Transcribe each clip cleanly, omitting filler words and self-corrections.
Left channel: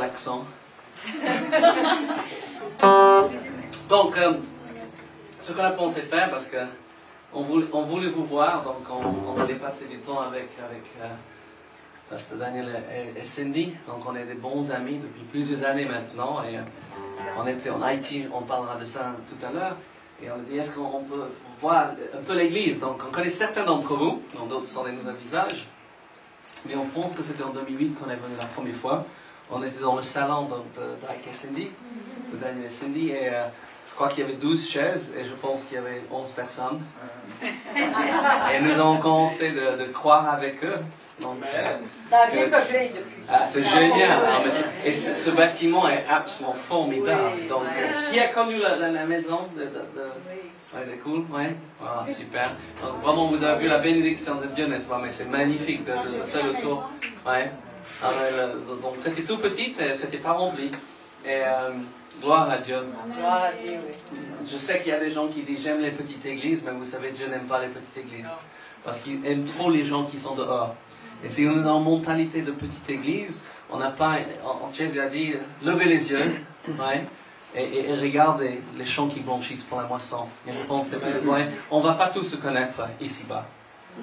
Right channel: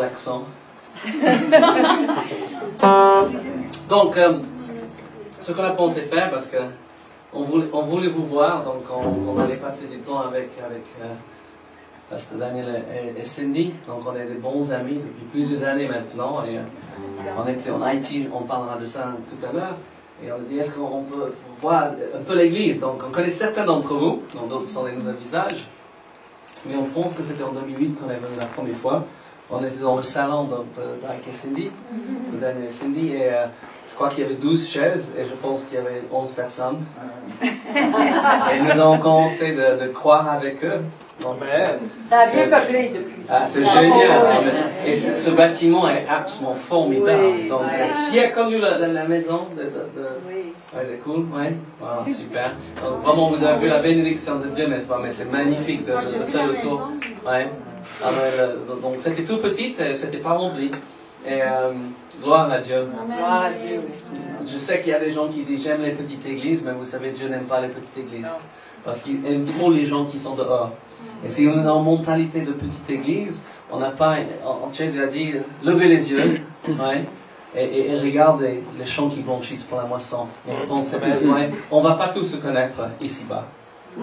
L'accent. Donc, ce qu'on a pensé faire, parce que on voulait vous voir, donc on allait passer du temps avec Pasteur Daniel et Cindy. Donc, on est des bons amis depuis plusieurs années maintenant. Et on était en Haïti, on parlera de ça tout à l'heure. Et on a dit, est-ce qu'on peut voir un peu l'église? Donc, on connaît certains d'entre vous, dont d'autres sont des nouveaux visages. Mais on pense que c'était en 2008 qu'on est venu la première fois. On était dans le salon d'Ike et Cindy, de Daniel et Cindy, et je crois qu'il y avait 12 chaises, et je pense qu'il y avait 11 personnes. Et nous avons commencé de croire avec eux. Donc, ça a bien peuplé depuis. Ah, c'est génial. Et ce bâtiment est absolument formidable. Donc, qui a connu la maison Oui. Ouais, c'est cool, ouais. Wow, super. Donc, vraiment, vous avez vu la bénédiction de Dieu, n'est-ce pas? Mais c'est magnifique de faire le tour. Ouais. Donc c'était tout petit, c'était pas rempli. Et gloire à Dieu. Gloire à Dieu. Je sais qu'il y a des gens qui disent j'aime les petites églises, mais vous savez, Dieu n'aime pas les petites églises. Parce qu'il aime trop les gens qui sont dehors. Et si on est en mentalité de petite église, on n'a pas, Jésus a dit, levez les yeux, ouais, et regardez les champs qui blanchissent pour la moisson. Et je pense, on va pas tous se connaître ici-bas.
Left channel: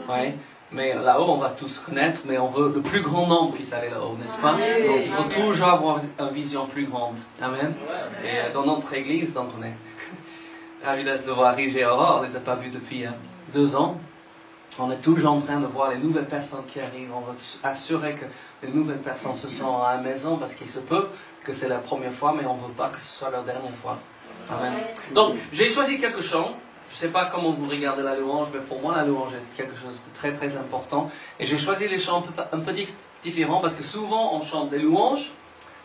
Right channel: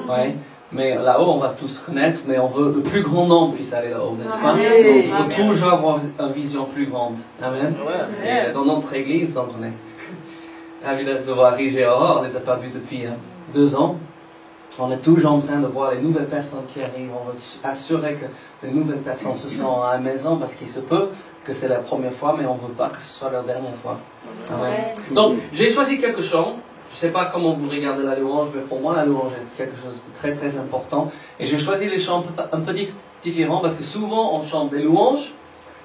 Ouais. Mais là-haut, on va tous se connaître, mais on veut le plus grand nombre puisse aller là-haut, n'est-ce pas? Donc, il faut toujours avoir une vision plus grande. Amen. Et dans notre église, donc on est ravis de voir Rige et Aurore, on ne les a pas vus depuis 2 ans. On est toujours en train de voir les nouvelles personnes qui arrivent. On veut assurer que les nouvelles personnes se sentent à la maison, parce qu'il se peut que c'est la première fois, mais on ne veut pas que ce soit leur dernière fois. Amen. Donc, j'ai choisi quelque chose. Je ne sais pas comment vous regardez la louange, mais pour moi, la louange est quelque chose de très très important. Et j'ai choisi les chants un peu différents, parce que souvent on chante des louanges.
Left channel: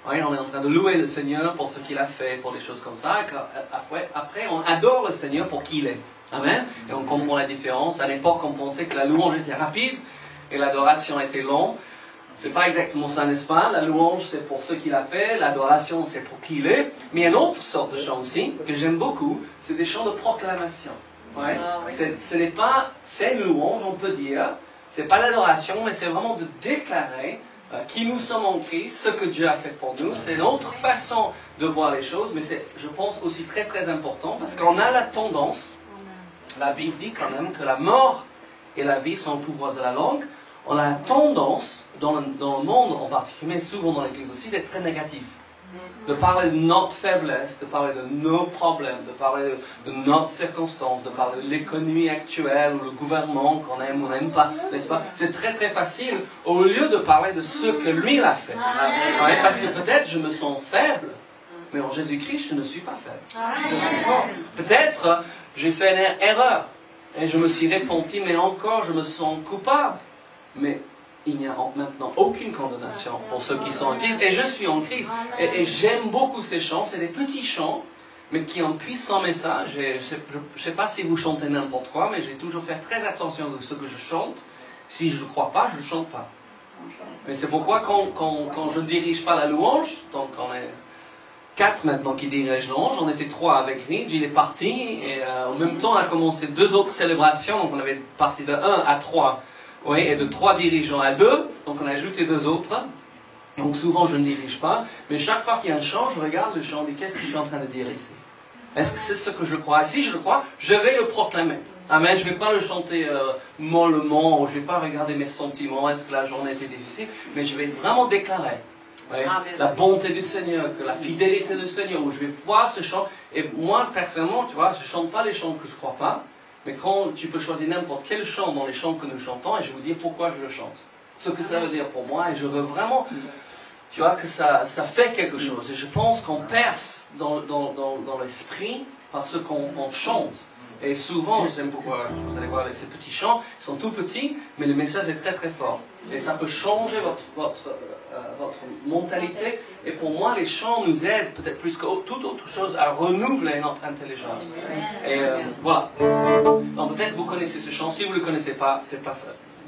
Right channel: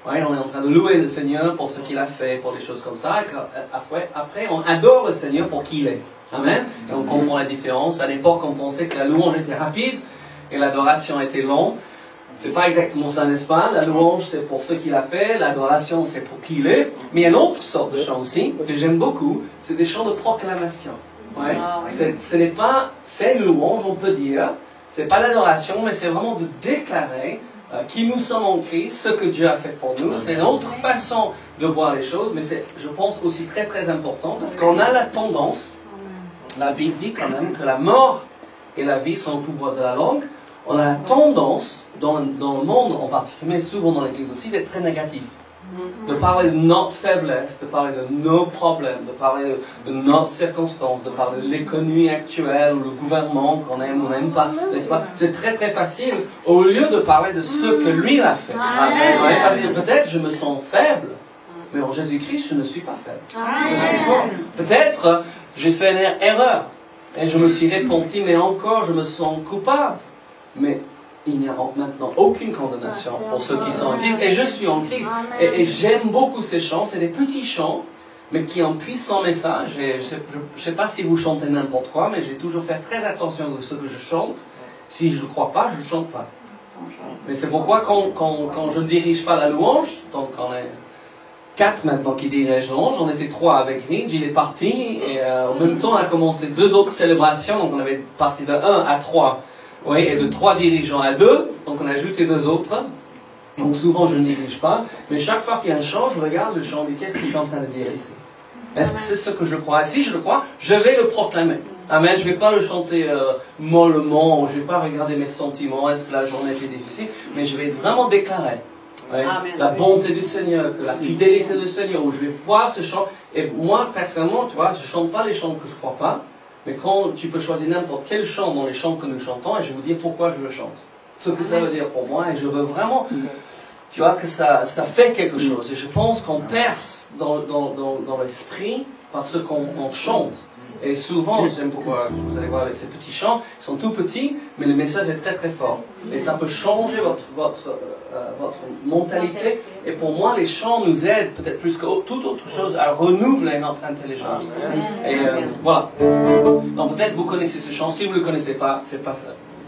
Ouais, on est en train de louer le Seigneur pour ce qu'il a fait, pour des choses comme ça. Et après, on adore le Seigneur pour qui il est. Amen. Et on comprend la différence. À l'époque, on pensait que la louange était rapide et l'adoration était longue. C'est pas exactement ça, n'est-ce pas? La louange, c'est pour ce qu'il a fait. L'adoration, c'est pour qui il est. Mais il y a une autre sorte de chant aussi, que j'aime beaucoup. C'est des chants de proclamation. Ouais. Ce n'est pas, c'est une louange, on peut dire. C'est pas l'adoration, mais c'est vraiment de déclarer qui nous sommes en Christ, ce que Dieu a fait pour nous. C'est une autre façon de voir les choses, mais c'est, je pense, aussi très très important, parce qu'on a la tendance, la Bible dit quand même que la mort et la vie sont au pouvoir de la langue. On a la tendance, dans le monde en particulier, mais souvent dans l'Église aussi, d'être très négatif. De parler de notre faiblesse, de parler de nos problèmes, de parler de notre circonstance, de parler de l'économie actuelle, ou le gouvernement qu'on aime ou n'aime pas, n'est-ce pas? C'est très très facile, au lieu de parler de ce que lui a fait. Ouais, parce que peut-être je me sens faible, mais en Jésus-Christ, je ne suis pas faible. Je suis fort. Peut-être j'ai fait une erreur, et je me suis repenti, mais encore je me sens coupable. Mais il n'y a maintenant aucune condamnation pour ceux qui sont en Christ. Et je suis en Christ. Et j'aime beaucoup ces chants. C'est des petits chants, mais qui ont un puissant message. Et je ne sais pas si vous chantez n'importe quoi, mais j'ai toujours fait très attention de ce que je chante. Si je ne crois pas, je ne chante pas. Mais c'est pourquoi quand je ne dirige pas la louange, donc on est 4 maintenant qui dirigent la louange, on était 3 avec Ringe, il est parti. Et en même temps, on a commencé 2 autres célébrations. Donc on avait parti de 1 à 3. Oui, et de 3 dirigeants à 2, donc on a ajouté 2 autres. Donc souvent je ne dirige pas, mais chaque fois qu'il y a un chant, je regarde le chant, et qu'est-ce que je suis en train de dire ici? Est-ce que c'est ce que je crois? Si je le crois, je vais le proclamer. Amen, je ne vais pas le chanter mollement, ou je ne vais pas regarder mes sentiments, est-ce que la journée était difficile, mais je vais vraiment déclarer la bonté du Seigneur, que la fidélité du Seigneur, où je vais voir ce chant. Et moi, personnellement, tu vois, je ne chante pas les chants que je ne crois pas. Mais quand tu peux choisir n'importe quel chant dans les chants que nous chantons, et je vais vous dire pourquoi je le chante. Ce que ça veut dire pour moi, et je veux vraiment, tu vois, que ça fait quelque chose. Et je pense qu'on perce dans l'esprit par ce qu'on chante. Et souvent, j'aime pourquoi, vous allez voir ces petits chants, ils sont tout petits, mais le message est très très fort. Et ça peut changer votre mentalité. Et pour moi, les chants nous aident, peut-être plus que toute autre chose, à renouveler notre intelligence. Et voilà. Donc peut-être vous connaissez ce chant. Si vous ne le connaissez pas, c'est pas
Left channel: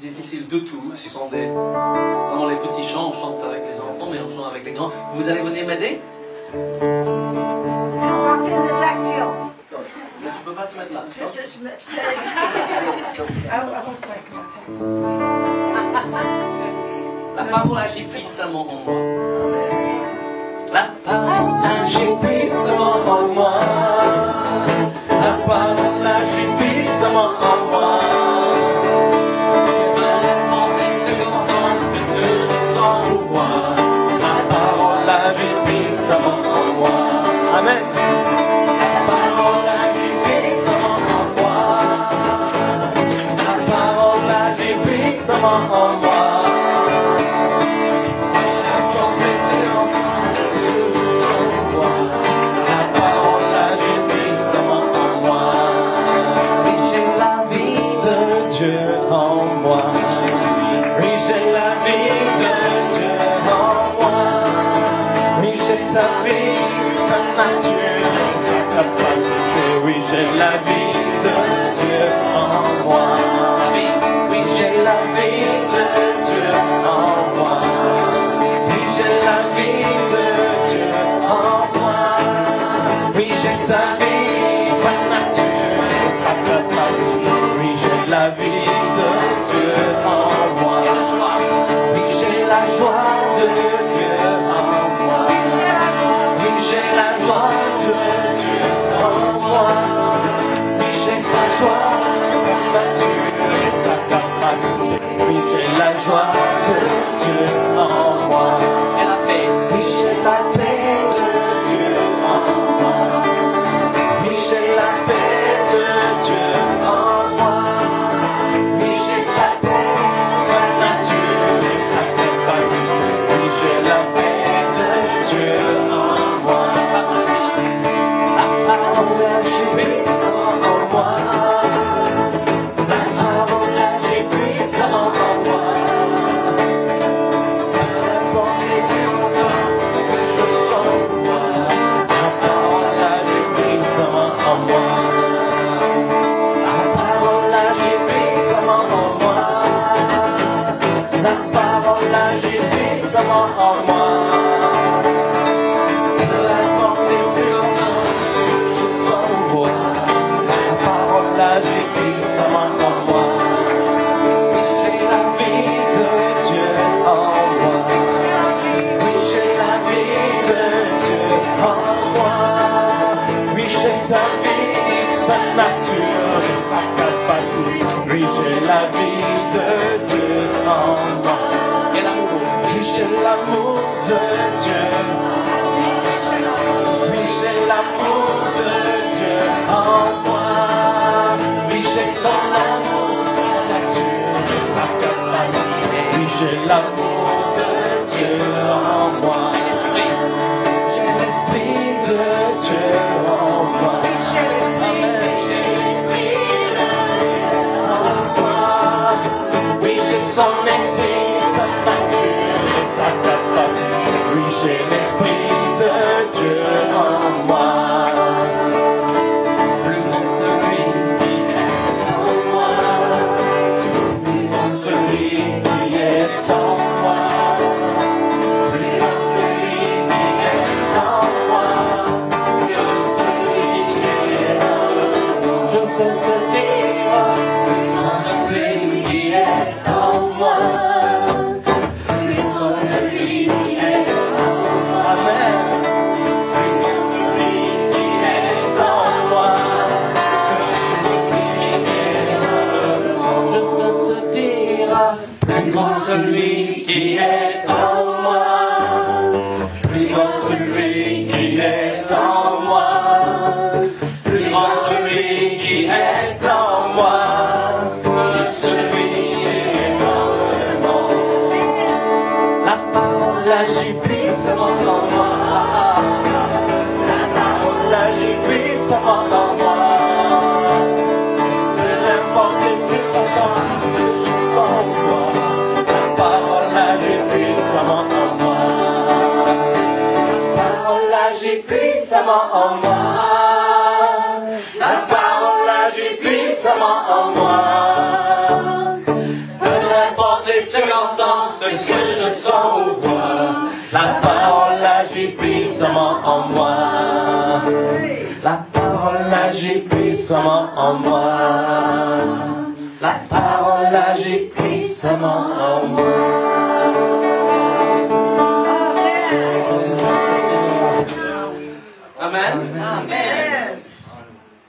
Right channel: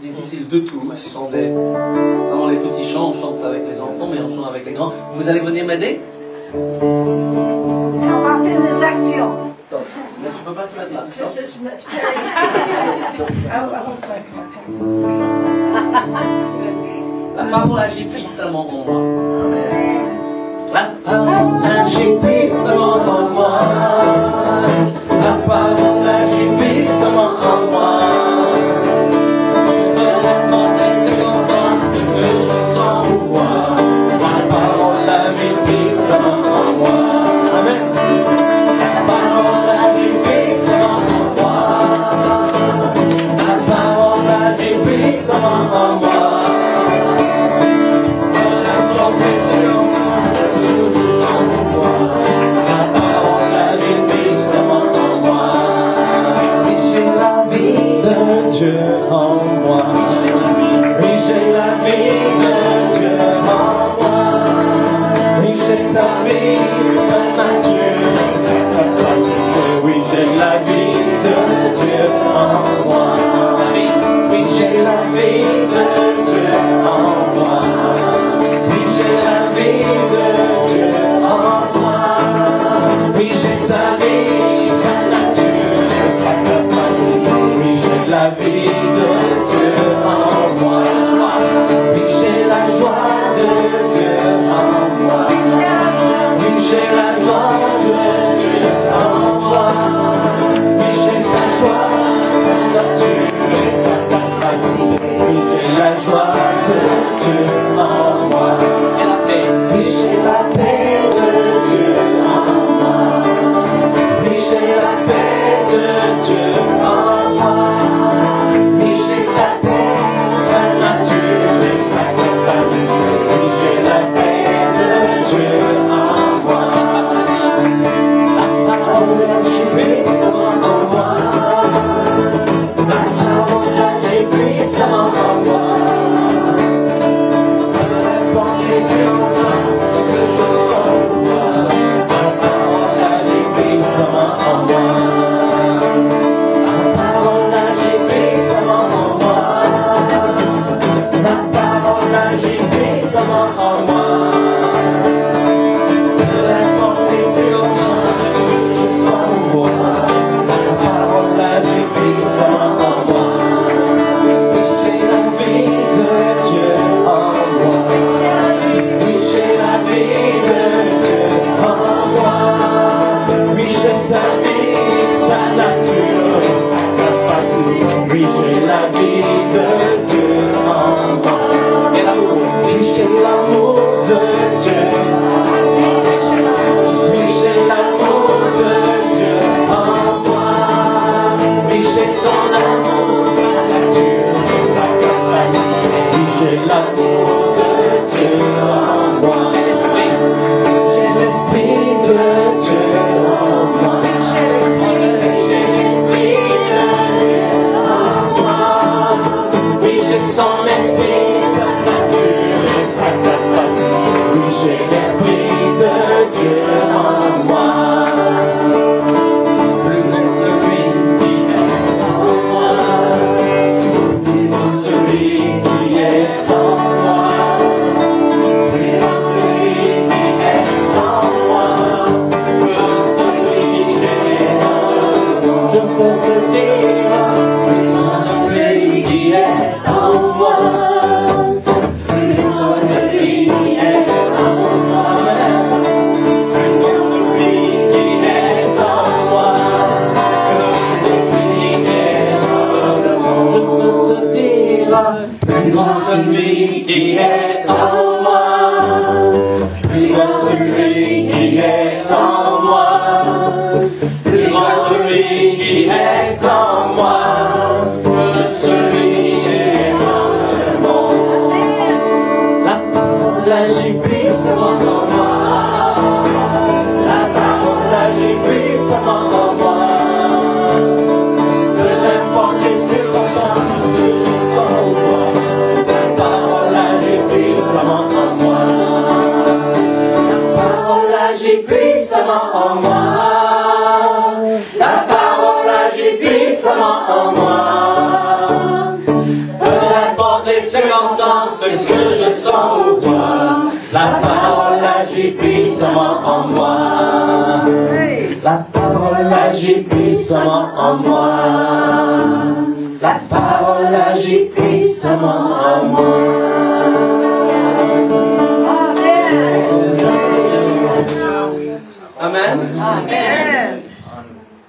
difficile du tout. Ce sont vraiment les petits chants. On chante avec les enfants, mais on chante avec les grands. Vous allez venir m'aider? On va faire des actions. Mais tu ne peux pas te mettre là. La parole agit puissamment en moi.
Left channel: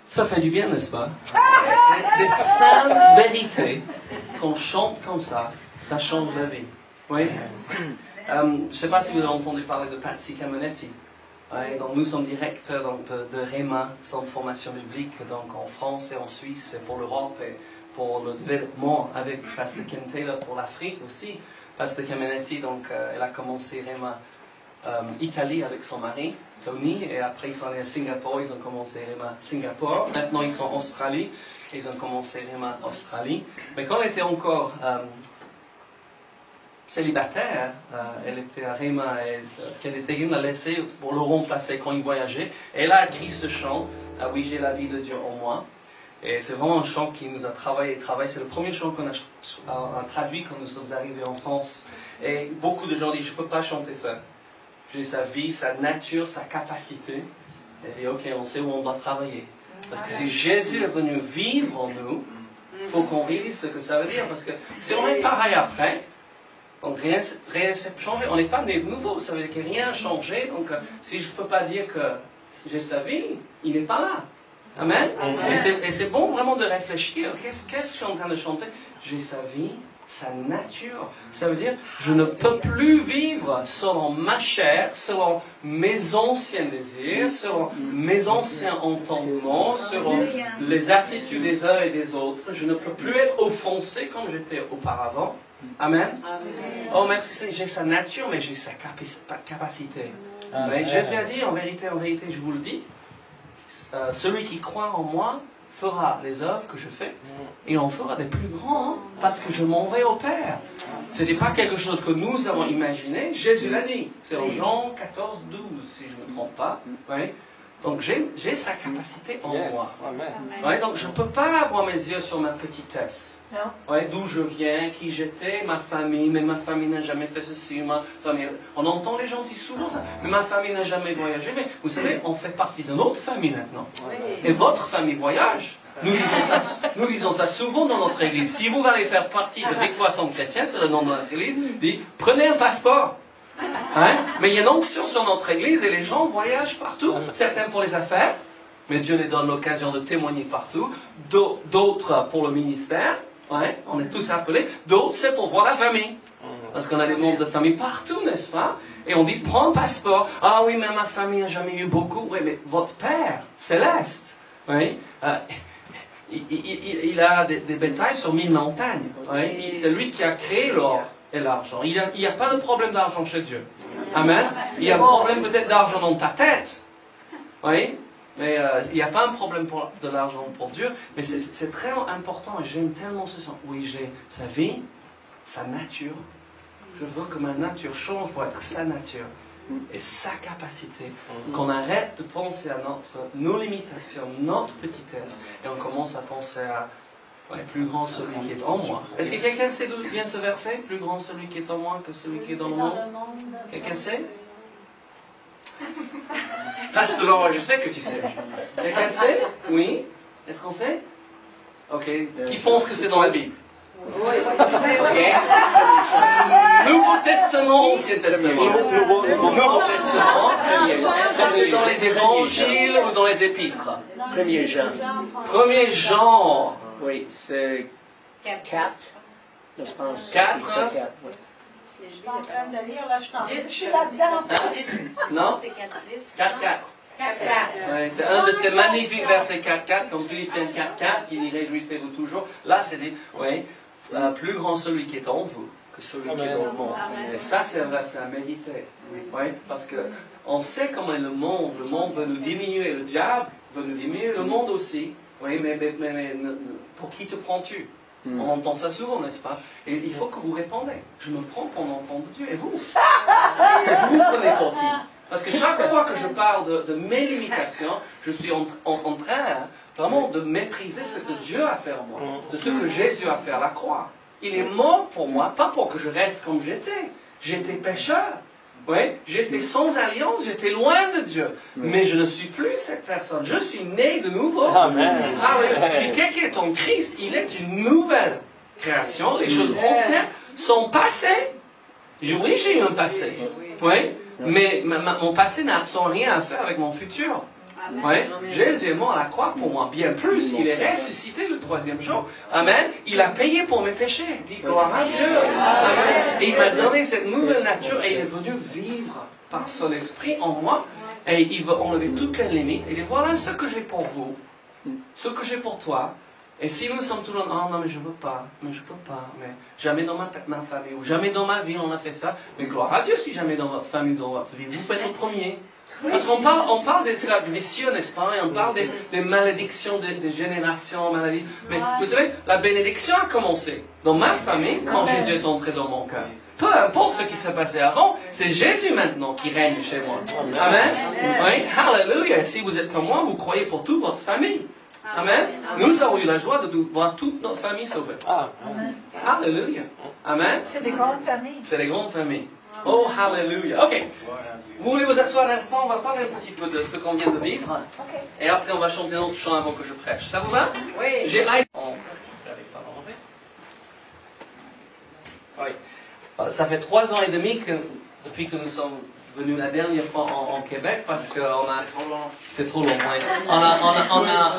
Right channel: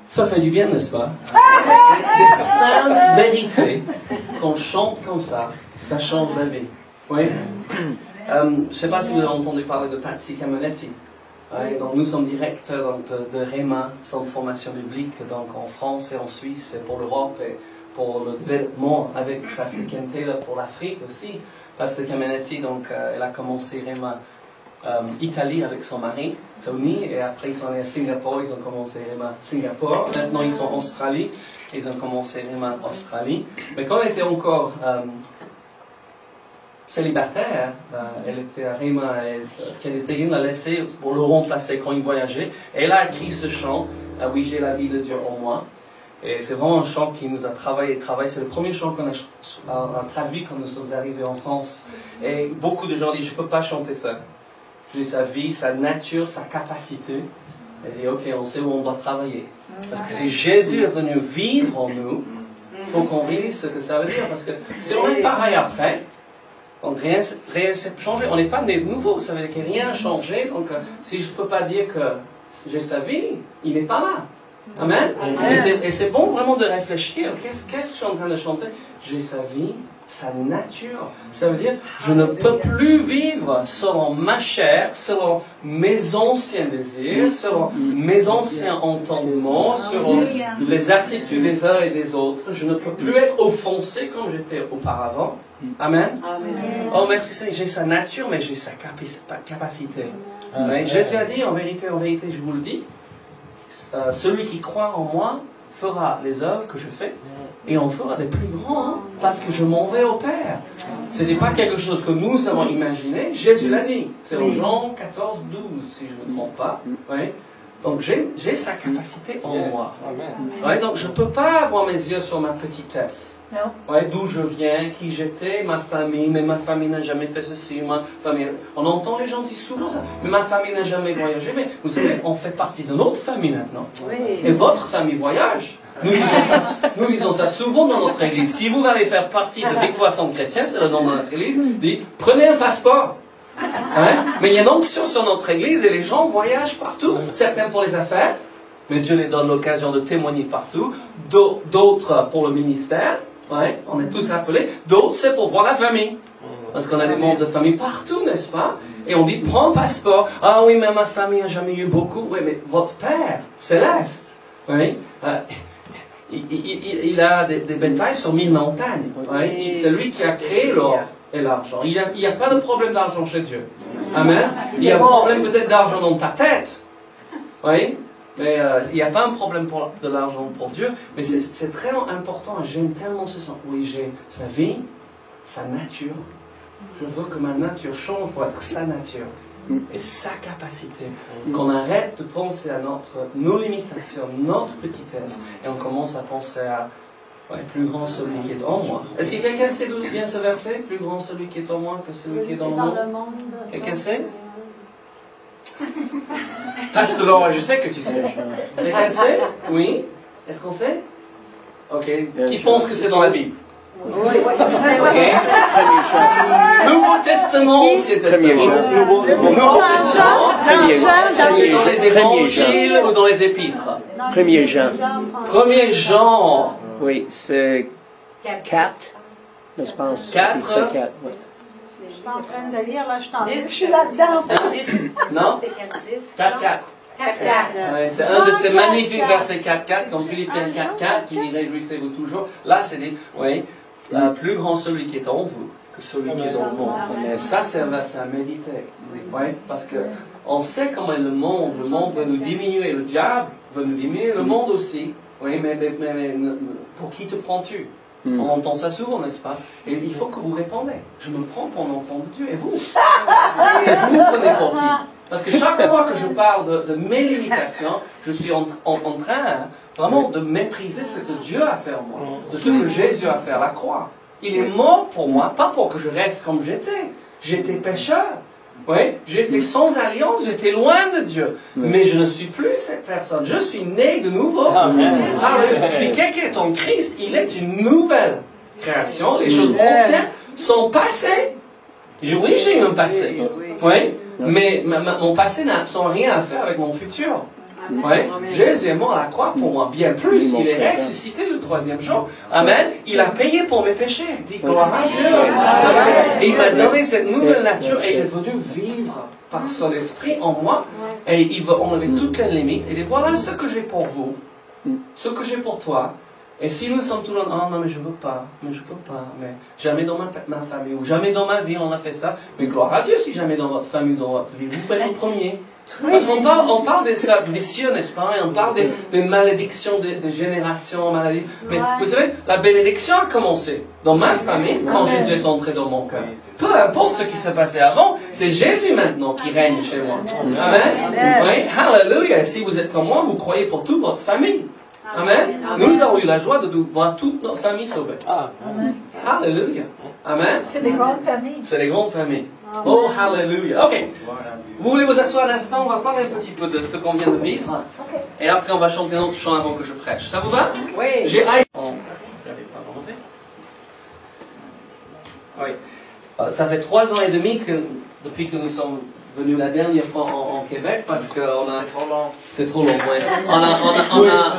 Ça fait du bien, n'est-ce pas? Des simples vérités qu'on chante comme ça change la vie. Oui. Je ne sais pas si vous avez entendu parler de Patsy Camenetti. Ouais, donc nous sommes directeurs donc, de REMA, Centre de formation biblique, donc en France et en Suisse et pour l'Europe et pour le développement avec Pasteur Ken Taylor pour l'Afrique aussi. Pasteur Camenetti, donc elle a commencé REMA Italie avec son mari, Tony, et après ils sont allés à Singapour, ils ont commencé à Singapour. Maintenant ils sont en Australie, ils ont commencé à Australie. Mais quand elle était encore célibataire, elle était à Rima, qu'elle était l'a laissé pour le remplacer quand il voyageait. Et elle a écrit ce chant, Oui, j'ai la vie de Dieu en moi. Et c'est vraiment un chant qui nous a travaillé. C'est le premier chant qu'on a traduit quand nous sommes arrivés en France. Et beaucoup de gens disent, je ne peux pas chanter ça. J'ai sa vie, sa nature, sa capacité. Elle dit, ok, on sait où on doit travailler. Parce que si Jésus est venu vivre en nous, il faut qu'on réalise ce que ça veut dire. Parce que si on est pareil après, donc rien ne s'est changé. On n'est pas né de nouveau, ça veut dire que rien n'a changé. Donc si je ne peux pas dire que j'ai sa vie, il n'est pas là. Amen. Et c'est bon vraiment de réfléchir. Qu'est-ce que je suis en train de chanter? J'ai sa vie, sa nature. Ça veut dire, je ne peux plus vivre selon ma chair, selon mes anciens désirs, selon mes anciens entendements, selon les attitudes des uns et des autres. Je ne peux plus être offensé comme j'étais auparavant. Amen. Oh merci Seigneur, j'ai sa nature, mais j'ai sa capacité. Mais Jésus a dit, en vérité, je vous le dis, celui qui croit en moi fera les œuvres que je fais et on fera des plus grands, parce que je m'en vais au Père. Ce n'est pas quelque chose que nous avons imaginé, Jésus l'a dit. C'est en Jean 14, 12, si je ne me trompe pas. Ouais. Donc j'ai sa capacité en moi. Ouais, donc je ne peux pas avoir mes yeux sur ma petitesse. Ouais, d'où je viens, qui j'étais, ma famille, mais ma famille n'a jamais fait ceci, ma famille... On entend les gens dire souvent ça, mais ma famille n'a jamais voyagé, mais vous savez, on fait partie de notre famille maintenant. Et votre famille voyage. Nous disons ça souvent dans notre église. Si vous allez faire partie de Victoire Centre Chrétien, c'est le nom de notre église, dites, prenez un passeport. Hein? Mais il y a une onction sur notre église et les gens voyagent partout. Certains pour les affaires, mais Dieu les donne l'occasion de témoigner partout. D'autres pour le ministère. Ouais, on est tous appelés. D'autres, c'est pour voir la famille. Parce qu'on a des membres de famille partout, n'est-ce pas? Et on dit, prends un passeport. Ah oui, mais ma famille n'a jamais eu beaucoup. Oui, mais votre Père céleste, oui, il a des bétails sur 1000 montagnes. Oui, c'est lui qui a créé l'or et l'argent. Il n'y a pas de problème d'argent chez Dieu. Amen. Il y a un problème peut-être d'argent dans ta tête. Oui. Mais il n'y a pas un problème de l'argent pour Dieu, mais c'est très important, et j'aime tellement ce sens. Oui, j'ai sa vie, sa nature. Je veux que ma nature change pour être sa nature et sa capacité. Qu'on arrête de penser à nos limitations, notre petitesse, et on commence à penser à plus grand celui qui est en moi. Est-ce que quelqu'un sait d'où vient ce verset? Plus grand celui qui est en moi que celui qui est dans le monde. Quelqu'un sait? Pasteur Laurent, je sais que tu sais. Quelqu'un sait? Oui? Est-ce qu'on sait? Ok. Qui pense que c'est dans la Bible? Ok. Nouveau Testament, Ancien Testament. Nouveau Testament. Ça c'est dans les évangiles ou dans les épîtres? 1er Jean. 1er Jean. Oui, c'est 4. Je pense. 4. Oui. Je suis en train de lire, là, je suis là-dedans. Non? 4. C'est un de ces magnifiques versets 4.4, comme Philippiens 4.4, qui dit réjouissez-vous toujours. Là, c'est dit, plus grand celui qui est en vous que celui qui est dans le monde. Et ça, c'est un verset à méditer. Parce que on sait comment le monde veut nous diminuer, le diable veut nous diminuer, le monde aussi. Oui, mais pour qui te prends-tu? On entend ça souvent, n'est-ce pas? Et il faut que vous répondez. Je me prends pour l'enfant de Dieu. Et vous? Vous prenez pour qui? Parce que chaque fois que je parle de mes limitations, je suis en train vraiment de mépriser ce que Dieu a fait en moi. De ce que Jésus a fait à la croix. Il est mort pour moi, pas pour que je reste comme j'étais. J'étais pécheur. Oui, j'étais sans alliance, j'étais loin de Dieu. Mais je ne suis plus cette personne. Je suis né de nouveau. Amen. Si quelqu'un est en Christ, il est une nouvelle création. Les choses anciennes sont passées. Oui, j'ai eu un passé. Oui, mais mon passé n'a rien à faire avec mon futur. Oui, Jésus est mort à la croix pour moi. Bien plus, il est ressuscité le 3e jour. Amen. Il a payé pour mes péchés. Dis gloire à Dieu. Et il m'a donné cette nouvelle nature et il est venu vivre par son esprit en moi. Et il veut enlever toutes les limites. Et dit voilà ce que j'ai pour vous, ce que j'ai pour toi. Et si nous sommes toujours, oh non, mais je ne peux pas, mais jamais dans ma famille, ou jamais dans ma vie on a fait ça, mais gloire à Dieu si jamais dans votre famille, dans votre vie, vous faites le premier. Parce qu'on parle des cercles vicieux, n'est-ce pas? Et on parle des malédictions de génération en maladie. Mais vous savez, la bénédiction a commencé dans ma famille quand Jésus est entré dans mon cœur. Peu importe ce qui s'est passé avant, c'est Jésus maintenant qui règne chez moi. Amen. Oui, hallelujah. Si vous êtes comme moi, vous croyez pour toute votre famille. Amen. Nous avons eu la joie de voir toute notre famille sauvée. Amen. Hallelujah. Amen. C'est des grandes familles. C'est des grandes familles. Oh, hallelujah. Ok. Vous voulez vous asseoir un instant? On va parler un petit peu de ce qu'on vient de vivre. Et après, on va chanter un autre chant avant que je prêche. Ça vous va? Oui. J'ai j'arrive pas à remonter. Oui. Ça fait 3 ans et demi depuis que nous sommes venus la dernière fois en Québec parce que c'est trop long. Ouais.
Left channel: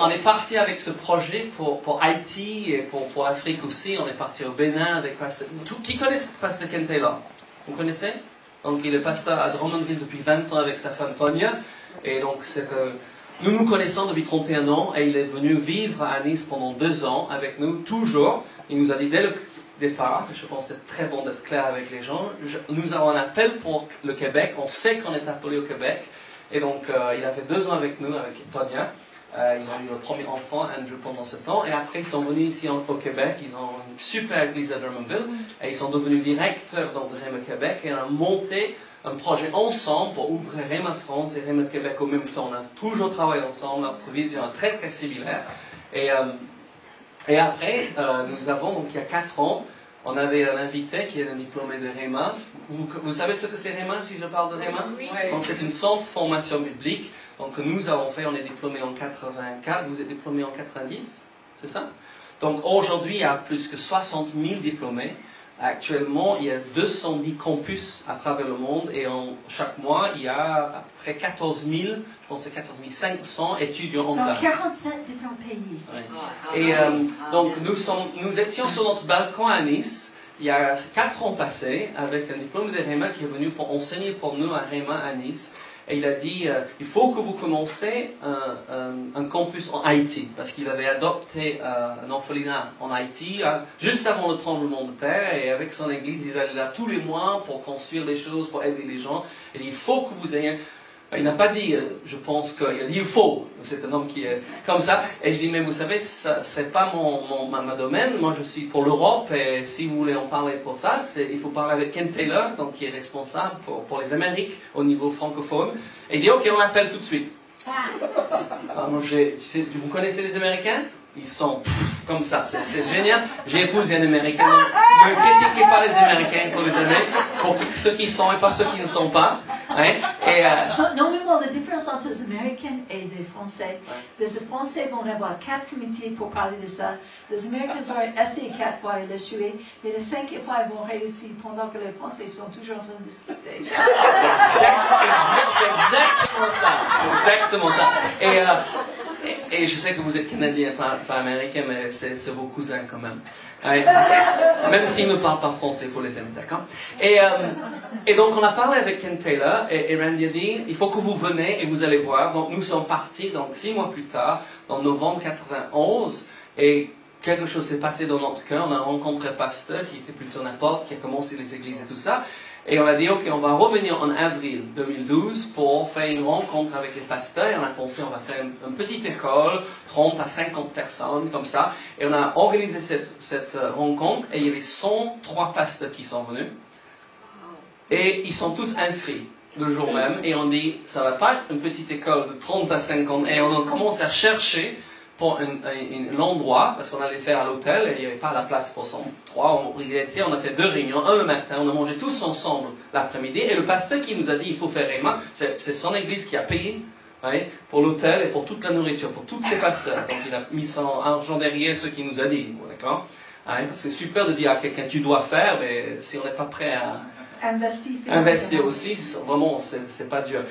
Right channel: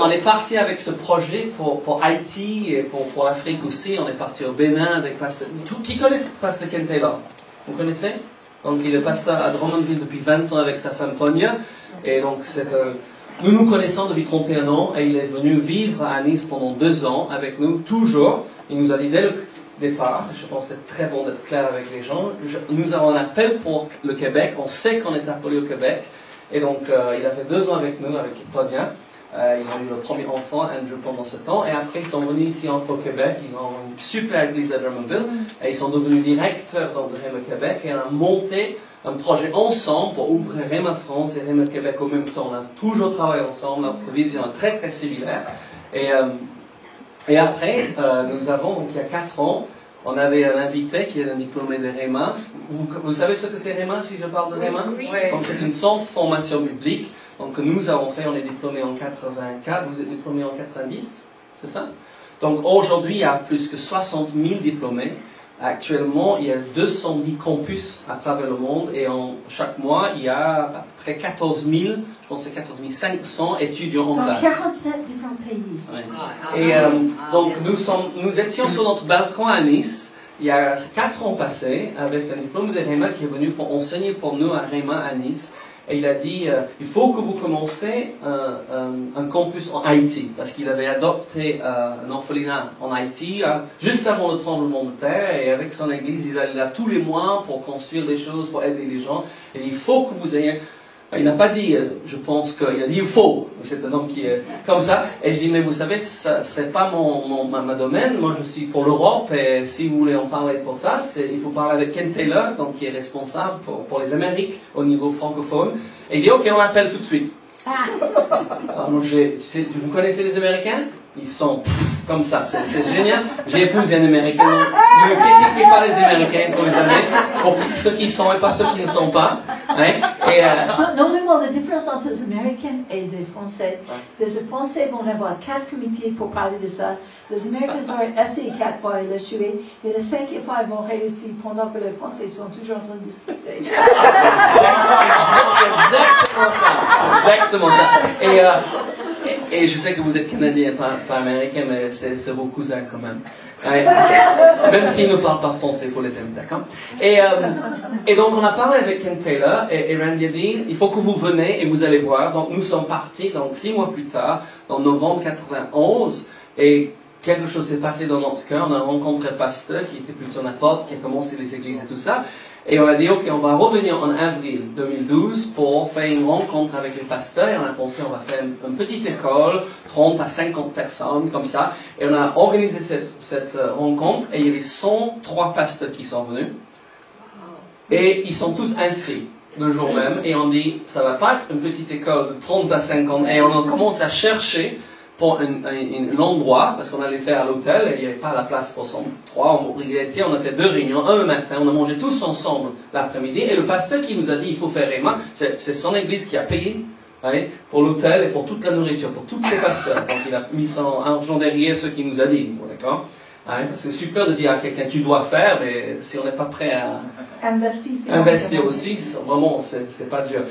On est parti avec ce projet pour Haïti et pour l'Afrique aussi. On est parti au Bénin avec Pasteur. Qui connaissent Pasteur Ken Taylor? Vous connaissez? Donc il est pasteur à Drummondville depuis 20 ans avec sa femme Tonya. Et donc nous nous connaissons depuis 31 ans et il est venu vivre à Nice pendant 2 ans avec nous, toujours. Il nous a dit dès le départ, je pense que c'est très bon d'être clair avec les gens, nous avons un appel pour le Québec, on sait qu'on est appelé au Québec. Et donc il a fait 2 ans avec nous, avec Tonya. Ils ont eu le premier enfant, Andrew, pendant ce temps. Et après, ils sont venus ici au Québec. Ils ont une super église à Drummondville. Et ils sont devenus directeurs de Rhema Québec. Et on a monté un projet ensemble pour ouvrir Rhema France et Rhema Québec au même temps. On a toujours travaillé ensemble. Notre vision est très, très similaire. Et après, nous avons, donc il y a 4 ans, on avait un invité qui est un diplômé de Rhema. Vous savez ce que c'est Rhema, si je parle de Rhema? Oui. Donc c'est une forte formation biblique. Donc nous avons fait, on est diplômé en 84, vous êtes diplômé en 90, c'est ça? Donc aujourd'hui, il y a plus que 60 000 diplômés. Actuellement, il y a 210 campus à travers le monde et chaque mois, il y a à peu près 14 000, je pense que c'est 14 500 étudiants en classe. 47 différents pays. Ouais. Et donc nous étions sur notre balcon à Nice, il y a 4 ans passés, avec un diplôme de Rhema qui est venu pour enseigner pour nous à Rhema à Nice. Et il a dit, il faut que vous commencez un campus en Haïti, parce qu'il avait adopté un orphelinat en Haïti juste avant le tremblement de terre, et avec son église, il allait là tous les mois pour construire des choses, pour aider les gens. Et il faut que vous ayez... Il n'a pas dit, je pense qu'il a dit il faut. C'est un homme qui est comme ça. Et je dis, mais vous savez, c'est pas ma domaine. Moi, je suis pour l'Europe. Et si vous voulez en parler pour ça, il faut parler avec Ken Taylor, donc qui est responsable pour les Amériques au niveau francophone. Et il dit, ok, on appelle tout de suite. Alors, vous connaissez les Américains? Ils sont comme ça, c'est génial. J'ai épousé un Américain. Ne critiquez pas les Américains pour les Américains, pour ceux qui sont et pas ceux qui ne sont pas. Hein? Normalement, la différence entre les Américains et les Français, les Français vont avoir 4 comités pour parler de ça. Les Américains ont essayé 4 fois, ils l'échoué, mais les 5e fois, ils vont réussir pendant que les Français sont toujours en train de discuter. C'est exactement ça. C'est exactement ça. Et je sais que vous êtes Canadien, pas Américain, mais c'est vos cousins quand même. Ouais. Même s'ils ne parlent pas français, il faut les aimer, d'accord? Et donc on a parlé avec Ken Taylor, et Randy a dit, il faut que vous venez et vous allez voir. Donc nous sommes partis, donc 6 mois plus tard, en novembre 91, et quelque chose s'est passé dans notre cœur. On a rencontré un pasteur qui était plutôt n'importe, qui a commencé les églises et tout ça. Et on a dit, ok, on va revenir en avril 2012 pour faire une rencontre avec les pasteurs. Et on a pensé, on va faire une petite école, 30 à 50 personnes, comme ça. Et on a organisé cette rencontre, et il y avait 103 pasteurs qui sont venus. Et ils sont tous inscrits le jour même. Et on dit, ça va pas être une petite école de 30 à 50. Et on a commencé à chercher pour l'endroit, parce qu'on allait faire à l'hôtel, et il n'y avait pas la place pour 103. On a fait 2 réunions, un le matin, on a mangé tous ensemble l'après-midi, et le pasteur qui nous a dit, il faut faire Rhema, c'est son église qui a payé pour l'hôtel et pour toute la nourriture, pour tous les pasteurs. Donc il a mis son argent derrière ce qu'il nous a dit, d'accord? Parce que c'est super de dire à quelqu'un, tu dois faire, mais si on n'est pas prêt à investir aussi, vraiment, c'est pas dur.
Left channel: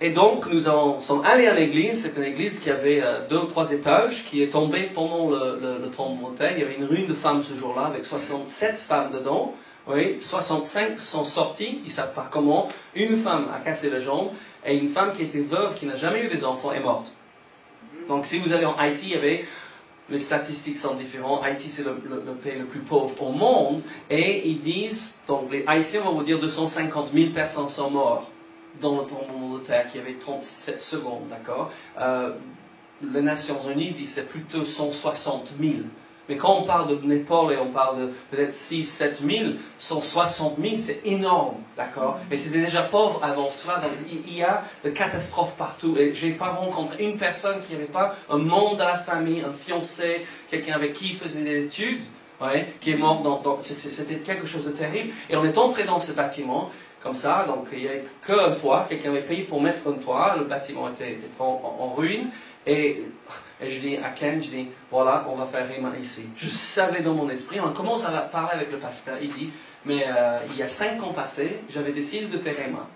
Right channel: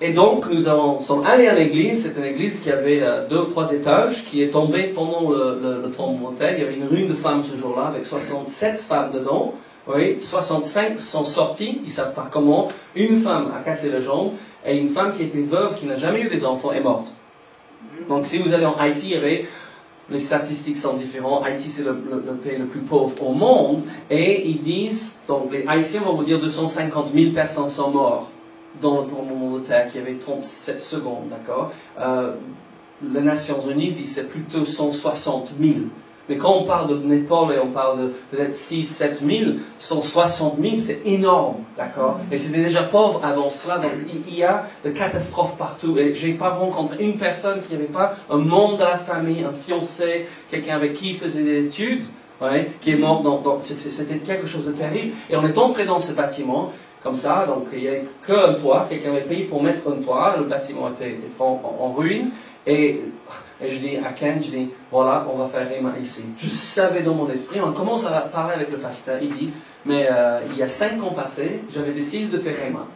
Et donc, nous sommes allés à l'église. C'est une église qui avait 2 ou 3 étages, qui est tombée pendant le tremblement de terre. Il y avait une ruine de femmes ce jour-là, avec 67 femmes dedans. Oui, 65 sont sorties, ils ne savent pas comment. Une femme a cassé la jambe, et une femme qui était veuve, qui n'a jamais eu des enfants, est morte. Donc, si vous allez en Haïti, il y avait les statistiques sont différentes. Haïti, c'est le pays le plus pauvre au monde. Et ils disent, donc les Haïtiens vont vous dire 250 000 personnes sont mortes dans le tremblement de terre qui avait 37 secondes, d'accord? Les Nations Unies disent c'est plutôt 160 000. Mais quand on parle de Népal et on parle de peut-être 6-7 000, 160 000, c'est énorme, d'accord? Mais c'était déjà pauvre avant cela, donc il y a des catastrophes partout. Et je n'ai pas rencontré une personne qui n'avait pas un membre de la famille, un fiancé, quelqu'un avec qui il faisait des études, ouais, qui est mort. C'était quelque chose de terrible. Et on est entré dans ce bâtiment, comme ça, donc il n'y avait qu'un toit, quelqu'un avait payé pour mettre un toit, le bâtiment était en ruine. Et je dis à Ken, je dis, voilà, on va faire Réma ici. Je savais dans mon esprit, on commence à parler avec le pasteur, il dit, mais il y a 5 ans passés, j'avais décidé de faire Réma.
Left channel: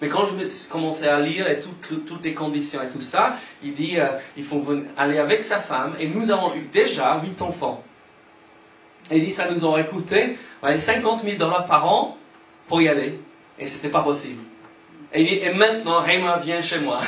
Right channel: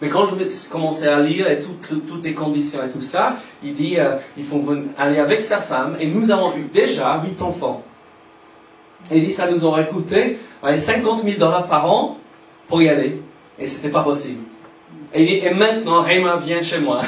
Mais quand je commençais à lire et toutes les conditions et tout ça, il dit, il faut aller avec sa femme, et nous avons eu déjà 8 enfants. Et il dit, ça nous aurait coûté 50 000 $ par an pour y aller. Et c'était pas possible. Et il dit, et maintenant, Réma vient chez moi.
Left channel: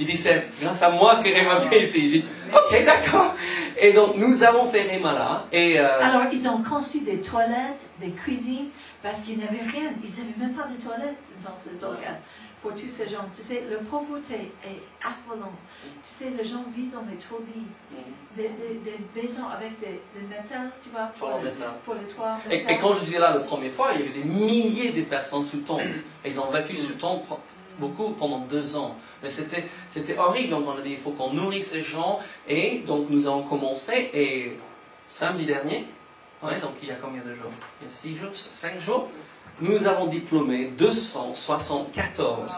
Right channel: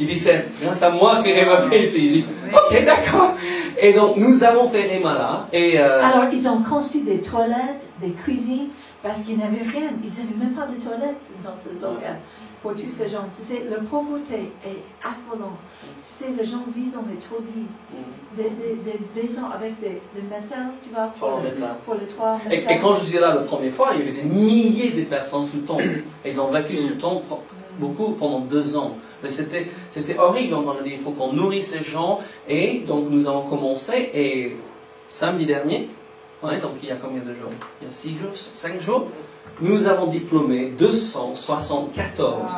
Il dit, c'est grâce à moi que Réma vient ici. Il dit, ok, d'accord. Et donc, nous avons fait Réma là. Et, Alors, ils ont construit des toilettes, des cuisines, parce qu'ils n'avaient rien. Ils n'avaient même pas de toilettes dans ce local. Pour tous ces gens. Tu sais, la pauvreté est affolante. Tu sais, les gens vivent dans des taudis, des maisons avec des métals, tu vois, pour les toits. Et quand je suis là la première fois, il y avait des milliers de personnes sous tente. Et ils ont vécu sous tente beaucoup pendant 2 ans. Mais c'était horrible. Donc on a dit, il faut qu'on nourrisse ces gens. Et donc nous avons commencé. Et samedi dernier, ouais, donc il y a combien de jours? Il y a 6 jours, 5 jours. Nous avons diplômé 274.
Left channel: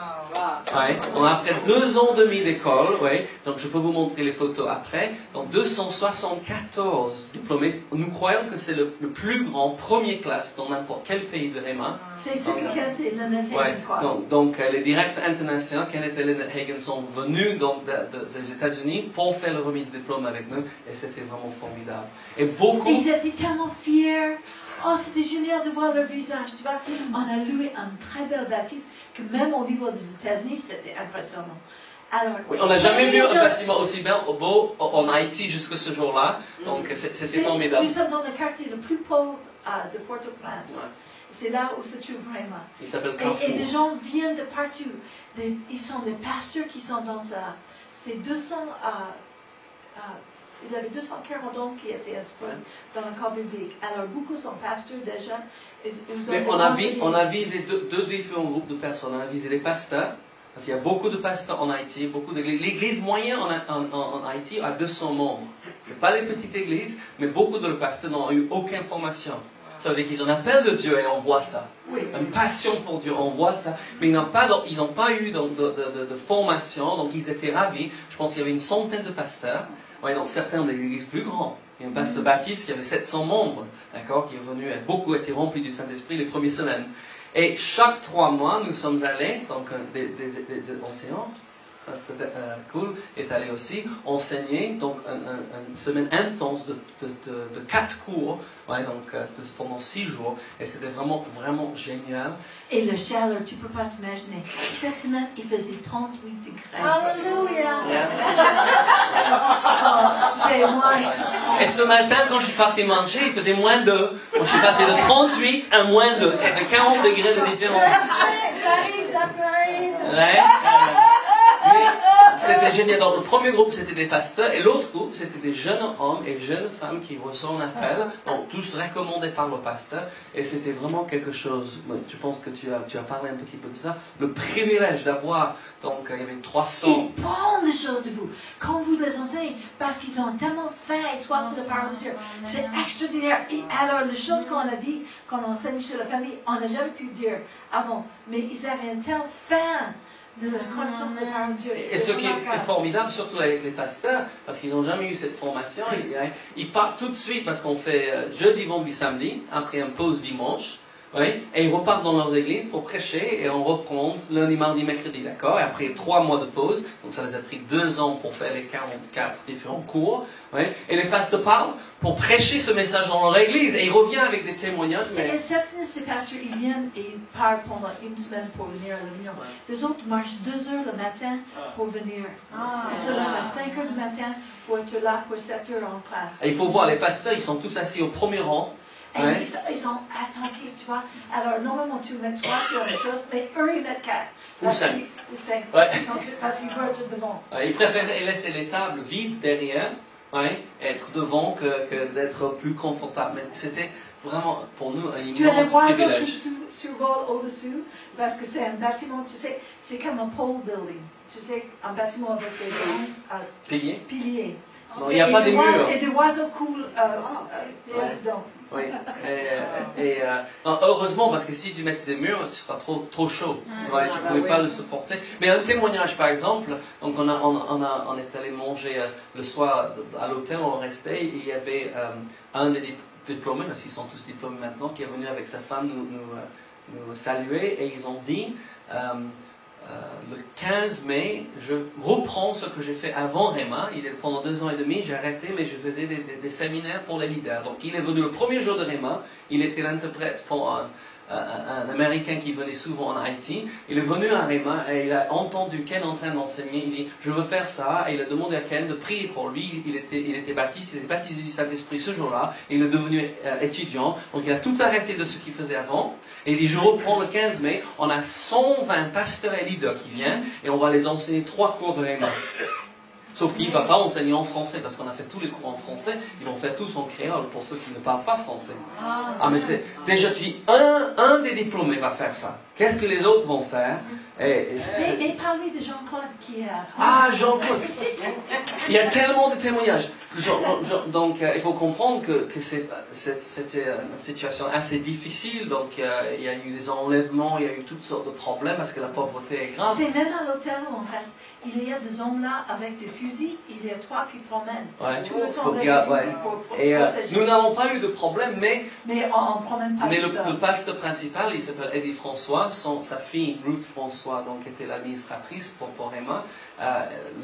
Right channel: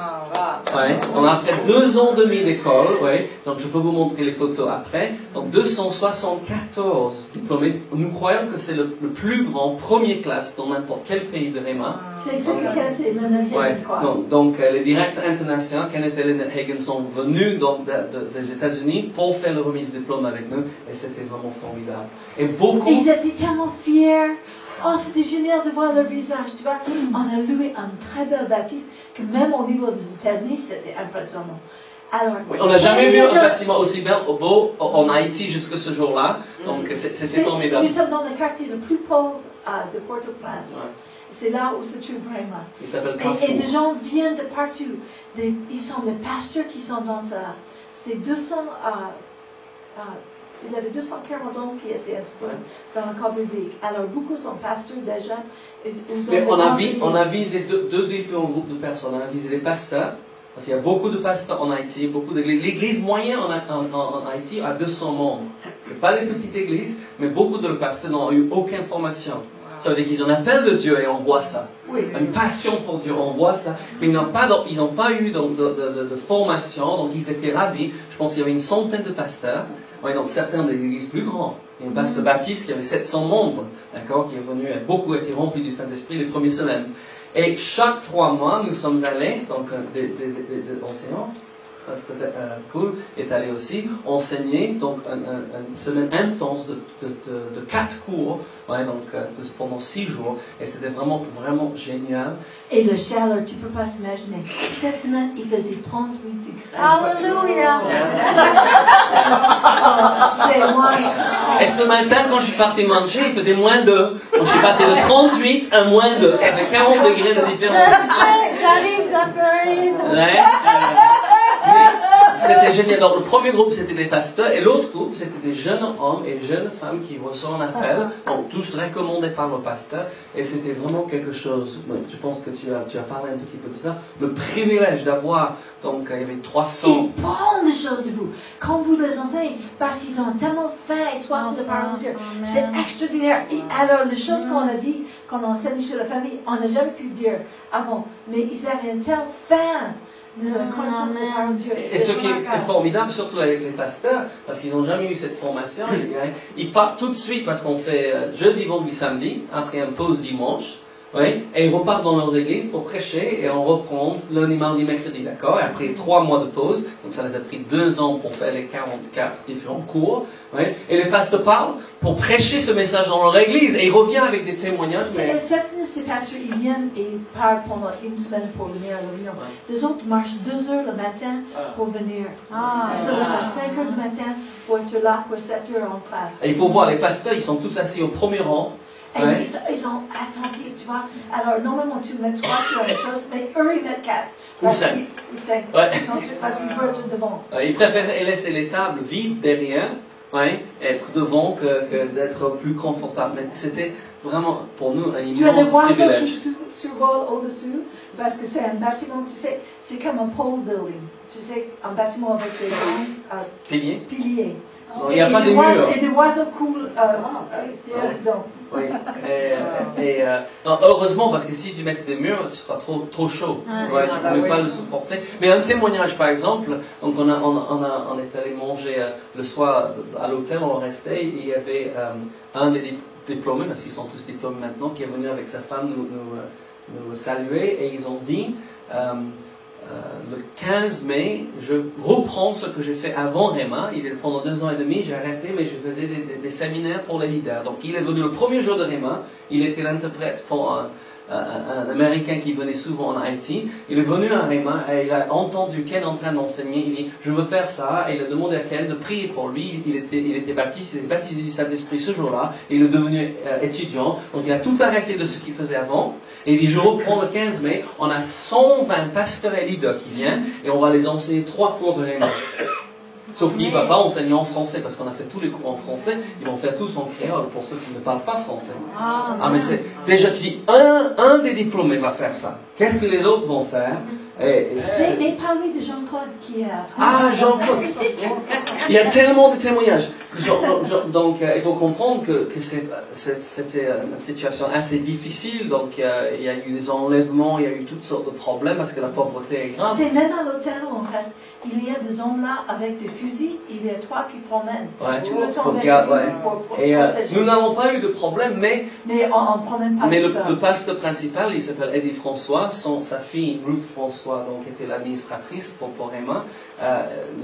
Ouais, on a après 2 ans et demi d'école, ouais, donc je peux vous montrer les photos après. Donc 274 diplômés. Nous croyons que c'est le plus grand premier classe dans n'importe quel pays de Réma. C'est ce que Kenneth et Lynette Hagin croient. Donc les directeurs internationaux, Kenneth et Lynette Hagin, sont venus des États-Unis pour faire le remise de diplôme avec nous, et c'était vraiment formidable. Et beaucoup. Ils étaient tellement fiers. Oh, c'était génial de voir leur visage, tu vois. On a loué une très belle bâtisse que même au niveau des États-Unis, c'était impressionnant. Alors, oui, on n'a jamais vu un bâtiment aussi beau en Haïti jusqu'à ce jour-là, donc c'était formidable. Nous sommes dans le quartier le plus pauvre de Port-au-Prince. Ouais. C'est là où se trouve Réma. Il s'appelle Carrefour. Et les gens viennent de partout. Ils sont des pasteurs qui sont dans ça. C'est 200... il y avait 240 hommes qui étaient inscrits dans le corps public. Alors, beaucoup sont pasteurs déjà. Mais on a visé deux différents groupes de personnes. On a visé les pasteurs, parce qu'il y a beaucoup de pasteurs en Haïti. L'église moyenne en Haïti a 200 membres. Ce n'est pas des petites églises, mais beaucoup de pasteurs n'ont eu aucune formation. Ça veut dire qu'ils ont un appel de Dieu et on voit ça. Oui. Une passion pour Dieu, on voit ça. Mais ils n'ont pas eu de formation, donc ils étaient ravis. Je pense qu'il y avait une centaine de pasteurs. Ouais, donc certains des églises plus grandes. Il y a une pasteur Baptiste qui avait 700 membres, d'accord, qui est venu, et beaucoup étaient remplis du Saint-Esprit les premières semaines. Et chaque 3 mois, nous sommes allés, donc des enseignants, c'était cool, est allé aussi enseigner, donc une semaine intense de 4 cours, ouais, donc pendant 6 jours, et c'était vraiment, vraiment génial. Et le chaleur, tu peux pas s'imaginer. Cette semaine, il faisait 38 degrés. Alléluia! C'est moi. Et ce matin, quand je suis parti manger, il faisait -2. Donc je suis passé de 38 à -2. Ça fait 40 degrés de différence. Ouais, c'était génial. Donc, le premier groupe, c'était des pasteurs, et l'autre groupe, c'était des jeunes hommes et jeunes femmes qui reçoivent un appel, donc tous recommandés par le pasteur, et c'était vraiment quelque chose, je pense que tu as parlé un petit peu de ça, le privilège d'avoir, donc il y avait 300... Ils prennent les choses de vous, quand vous les enseignez, parce qu'ils ont tellement faim et soif de parler de Dieu. C'est extraordinaire. Et alors, les choses qu'on a dit, qu'on enseigne sur la famille, on n'a jamais pu dire avant, mais ils avaient une telle faim de la connaissance de la parole de Dieu. Et ce qui est formidable, surtout avec les pasteurs, parce qu'ils n'ont jamais eu cette formation, ils partent tout de suite, parce qu'on fait jeudi, vendredi, samedi, après une pause dimanche, Oui, et ils repartent dans leurs églises pour prêcher et on reprend lundi, mardi, mercredi, d'accord? Et après 3 mois de pause, donc ça les a pris 2 ans pour faire les 44 différents cours, oui, et les pasteurs parlent pour prêcher ce message dans leur église et ils reviennent avec des témoignages. Et certains de ces pasteurs, ils viennent et ils parlent pendant une semaine pour venir à la réunion. Les autres marchent 2 heures le matin pour venir. Ils se lèvent à 5 heures du matin pour être là pour 7 heures en classe. Et il faut voir, les pasteurs, ils sont tous assis au premier rang. Et ils sont attentifs, tu vois. Alors, normalement, tu mets 3 sur la chose, mais eux, ils mettent 4. Ou 5. Parce qu'ils veulent être devant. Ils préfèrent laisser les tables vides derrière, être devant, que d'être plus confortable. Mais c'était vraiment, pour nous, un Tu as des immense oiseaux privilège. qui survolent au-dessus, parce que c'est un bâtiment, tu sais, c'est comme un pole building. Tu sais, un bâtiment avec des grands piliers. Non, il n'y a pas de murs. Et des oiseaux coulent dedans. Oui. Non, heureusement, parce que si tu mettais des murs, tu seras trop chaud. Tu ne pouvais pas le supporter. Mais un témoignage, par exemple, donc on est allé manger le soir à l'hôtel, on restait, il y avait un des diplômés, parce qu'ils sont tous diplômés maintenant, qui est venu avec sa femme nous saluer, et ils ont dit... le 15 mai, je reprends ce que j'ai fait avant Réma. Pendant 2 ans et demi, j'ai arrêté, mais je faisais des séminaires pour les leaders. Donc, il est venu le premier jour de Réma. Il était l'interprète pour un Américain qui venait souvent en Haïti. Il est venu à Réma et il a entendu Ken en train d'enseigner. Il dit, je veux faire ça. Et il a demandé à Ken de prier pour lui. Il était baptisé du Saint-Esprit ce jour-là. Il est devenu étudiant. Donc, il a tout arrêté de ce qu'il faisait avant. Et il dit, je reprends le 15 mai. On a 120 pasteurs et leaders qui viennent et on va les enseigner 3 cours de Réma. Sauf qu'il ne va pas enseigner en français, parce qu'on a fait tous les cours en français, ils vont faire tous en créole pour ceux qui ne parlent pas français. Mais c'est, déjà tu dis, un des diplômés va faire ça. Qu'est-ce que les autres vont faire? Mais parlez de Jean-Claude qui est... Jean-Claude! Il y a tellement de témoignages. Donc, il faut comprendre que c'était une situation assez difficile. Donc, il y a eu des enlèvements, il y a eu toutes sortes de problèmes parce que la pauvreté est grave. C'est même à l'hôtel où on reste. Il y a des hommes là avec des fusils. Il y a 3 qui promènent. Tout le temps avec des fusils pour protéger. Nous n'avons pas eu de problème, mais on promène pas. Mais le pasteur principal, il s'appelle Eddie François. Sa fille, Ruth François, donc, était l'administratrice pour Réma.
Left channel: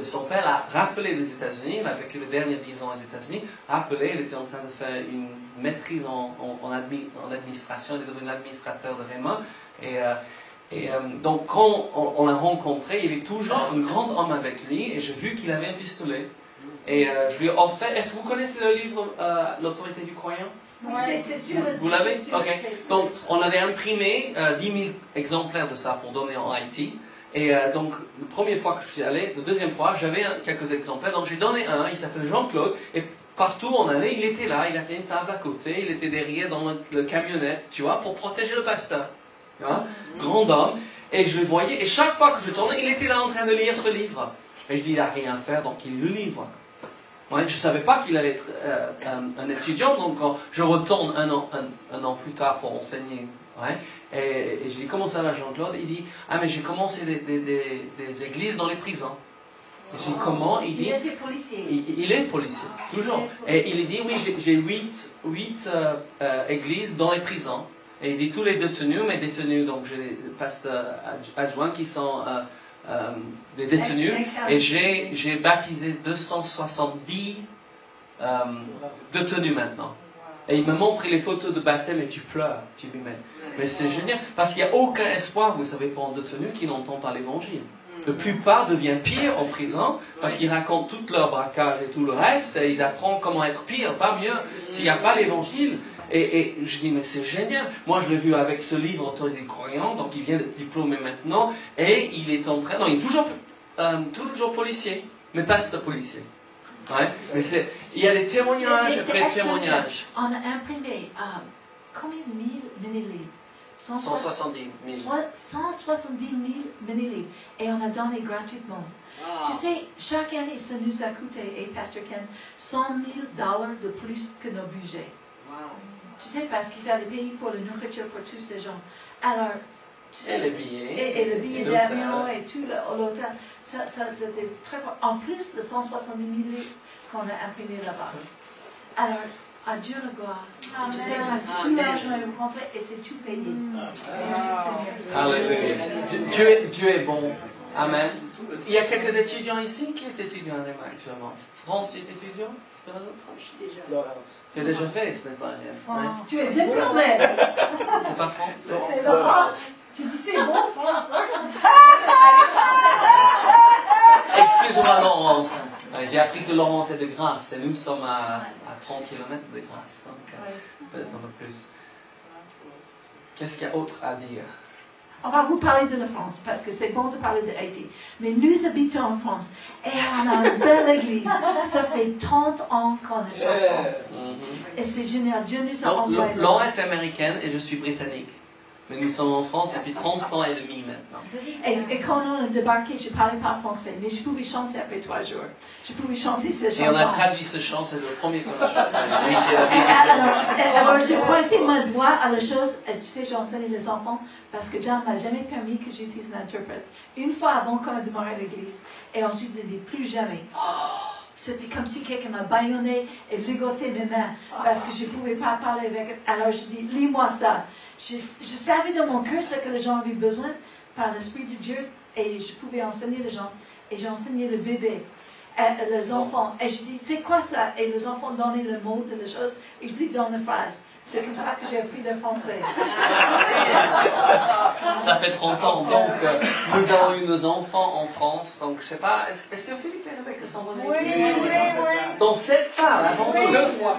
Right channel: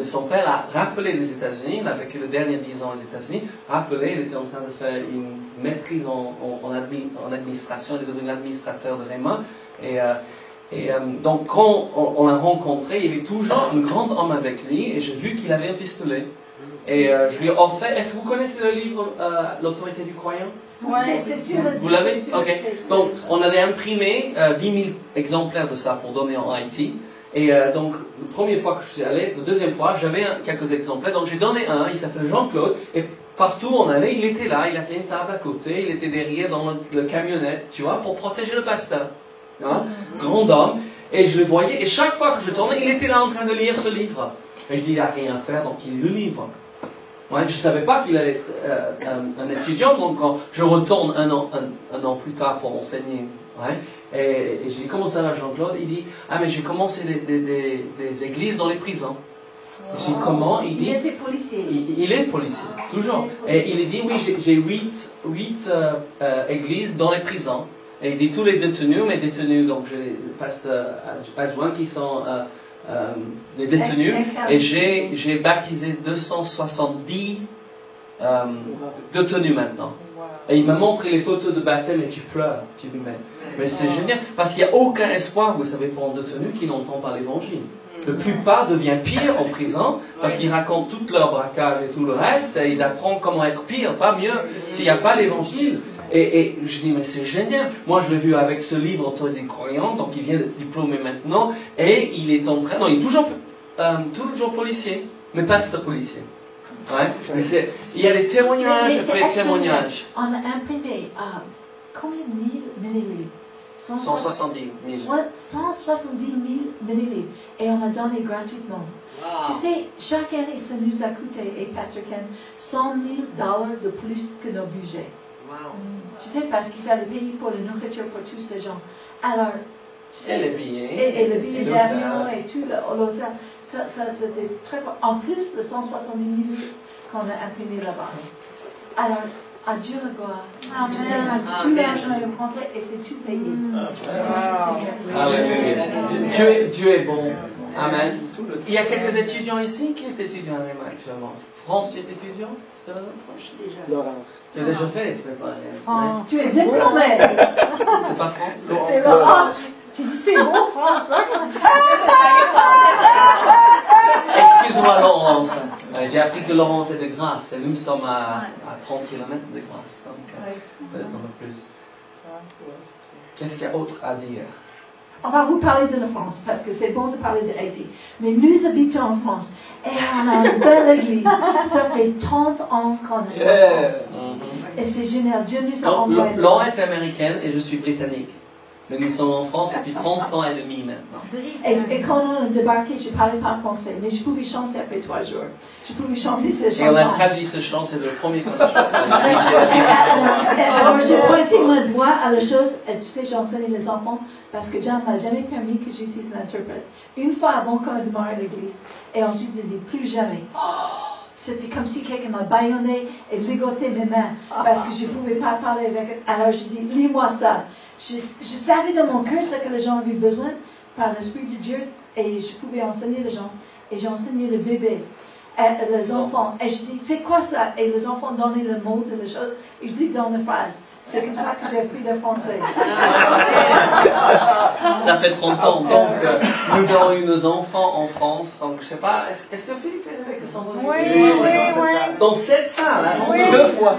Son père a rappelé les États-Unis, il a vécu les derniers 10 ans aux États-Unis, il était en train de faire une maîtrise en administration, il est devenu l'administrateur de Réma, donc quand on l'a rencontré, il est toujours un grand homme avec lui, et j'ai vu qu'il avait un pistolet, et je lui ai offert, est-ce que vous connaissez le livre L'autorité du croyant? Oui, c'est sûr. Vous l'avez? Ok. Donc, on avait imprimé 10 000 exemplaires de ça pour donner en Haïti. Et donc, la première fois que je suis allé, la deuxième fois, j'avais quelques exemplaires. Donc, j'ai donné un, il s'appelle Jean-Claude. Et partout où on allait, il était là, il avait une table à côté, il était derrière dans le camionnette, tu vois, pour protéger le pasteur. Hein? Grand homme. Et je le voyais, et chaque fois que je tournais, il était là en train de lire ce livre. Et je dis, il n'a rien à faire, donc il le livre. Ouais, je ne savais pas qu'il allait être un étudiant, donc quand je retourne un an plus tard pour enseigner. Ouais, et je lui dis, comment ça va Jean-Claude? Il dit, mais j'ai commencé des églises dans les prisons. Je dis, comment? Il dit, il était policier. Il est policier, toujours. Et il dit, oui, j'ai 8 églises dans les prisons. Et il dit, tous les détenus, mes détenus, donc j'ai des pasteurs adjoints qui sont... des détenus, et j'ai baptisé 270 détenus maintenant. Et il m'a montré les photos de baptême et tu pleures. Tu dis, mais c'est génial, parce qu'il n'y a aucun espoir, vous savez, pour un détenu qui n'entend pas l'évangile. La plupart deviennent pire en prison parce qu'ils racontent tout leur braquage et tout le reste, et ils apprennent comment être pire, pas mieux, s'il n'y a pas l'évangile. Et je dis, mais c'est génial. Moi, je l'ai vu avec ce livre, Autorité des croyants, donc il vient d'être diplômé maintenant, et il est en train, non, il est toujours policier, mais pas ce policier. Ouais, mais il y a des témoignages après témoignages. On a imprimé combien de millilivres? 170 000. 170 000 millilivres. Et on a donné gratuitement. Wow. Tu sais, chaque année, ça nous a coûté, et Pasteur Ken, $100 000 de plus que nos budgets. Wow. Tu sais, parce qu'il fallait payer pour la nourriture pour tous ces gens. Alors, tu sais, et le billet. Et le billet d'avion et tout l'hôtel. Ça c'était très fort. En plus de 170 000 qu'on a imprimé là-bas. Alors, À Dieu le gloire. Je sais que tout l'argent est rentré et c'est tout payé. Alléluia. Dieu est bon. Amen. Il y a quelques étudiants ici qui est étudiant actuellement. France, tu es étudiant? C'est pas la nôtre? Laurence. Tu as déjà fait, c'est pas rien. Tu es diplômé. C'est pas France? C'est Laurence. Tu dis c'est bon, France. Excuse-moi, Laurence. J'ai appris que Laurence est de Grasse et nous sommes à 30 km de Grasse. Donc, peut-être un peu plus. Qu'est-ce qu'il y a d'autre à dire? On va vous parler de la France, parce que c'est bon de parler de Haïti. Mais nous habitons en France, et on a une belle église. Ça fait 30 ans qu'on est en France. Et c'est génial. Dieu nous a envoyé. Laurent est américaine et je suis britannique. Mais nous sommes en France depuis 30 ans et demi maintenant. Et quand on a débarqué, je ne parlais pas français, mais je pouvais chanter après 3 jours. Je pouvais chanter ces chansons. Et on a traduit ce chant, c'est le premier qu'on a chanté. Alors j'ai pointé mon doigt à la chose, et tu sais, j'enseigne les enfants, parce que Dieu ne m'a jamais permis que j'utilise l'interprète. Une fois avant qu'on a démarré l'église, et ensuite il ne dit plus jamais. C'était comme si quelqu'un m'a bâillonné et ligoté mes mains, parce que je ne pouvais pas parler avec elle. Alors je dis, lis-moi ça. Je savais dans mon cœur ce que les gens avaient besoin par l'Esprit de Dieu et je pouvais enseigner les gens. Et j'ai enseigné le bébé, les enfants. Et je dis, c'est quoi ça? Et les enfants donnaient le mot de la chose et je dis dans la phrase. C'est comme ça que j'ai appris le français. Ça fait 30 ans. Donc, nous avons eu nos enfants en France. Donc, je ne sais pas, est-ce que Philippe et Rebecca sont venus ici? Oui. Dans cette salle, deux fois.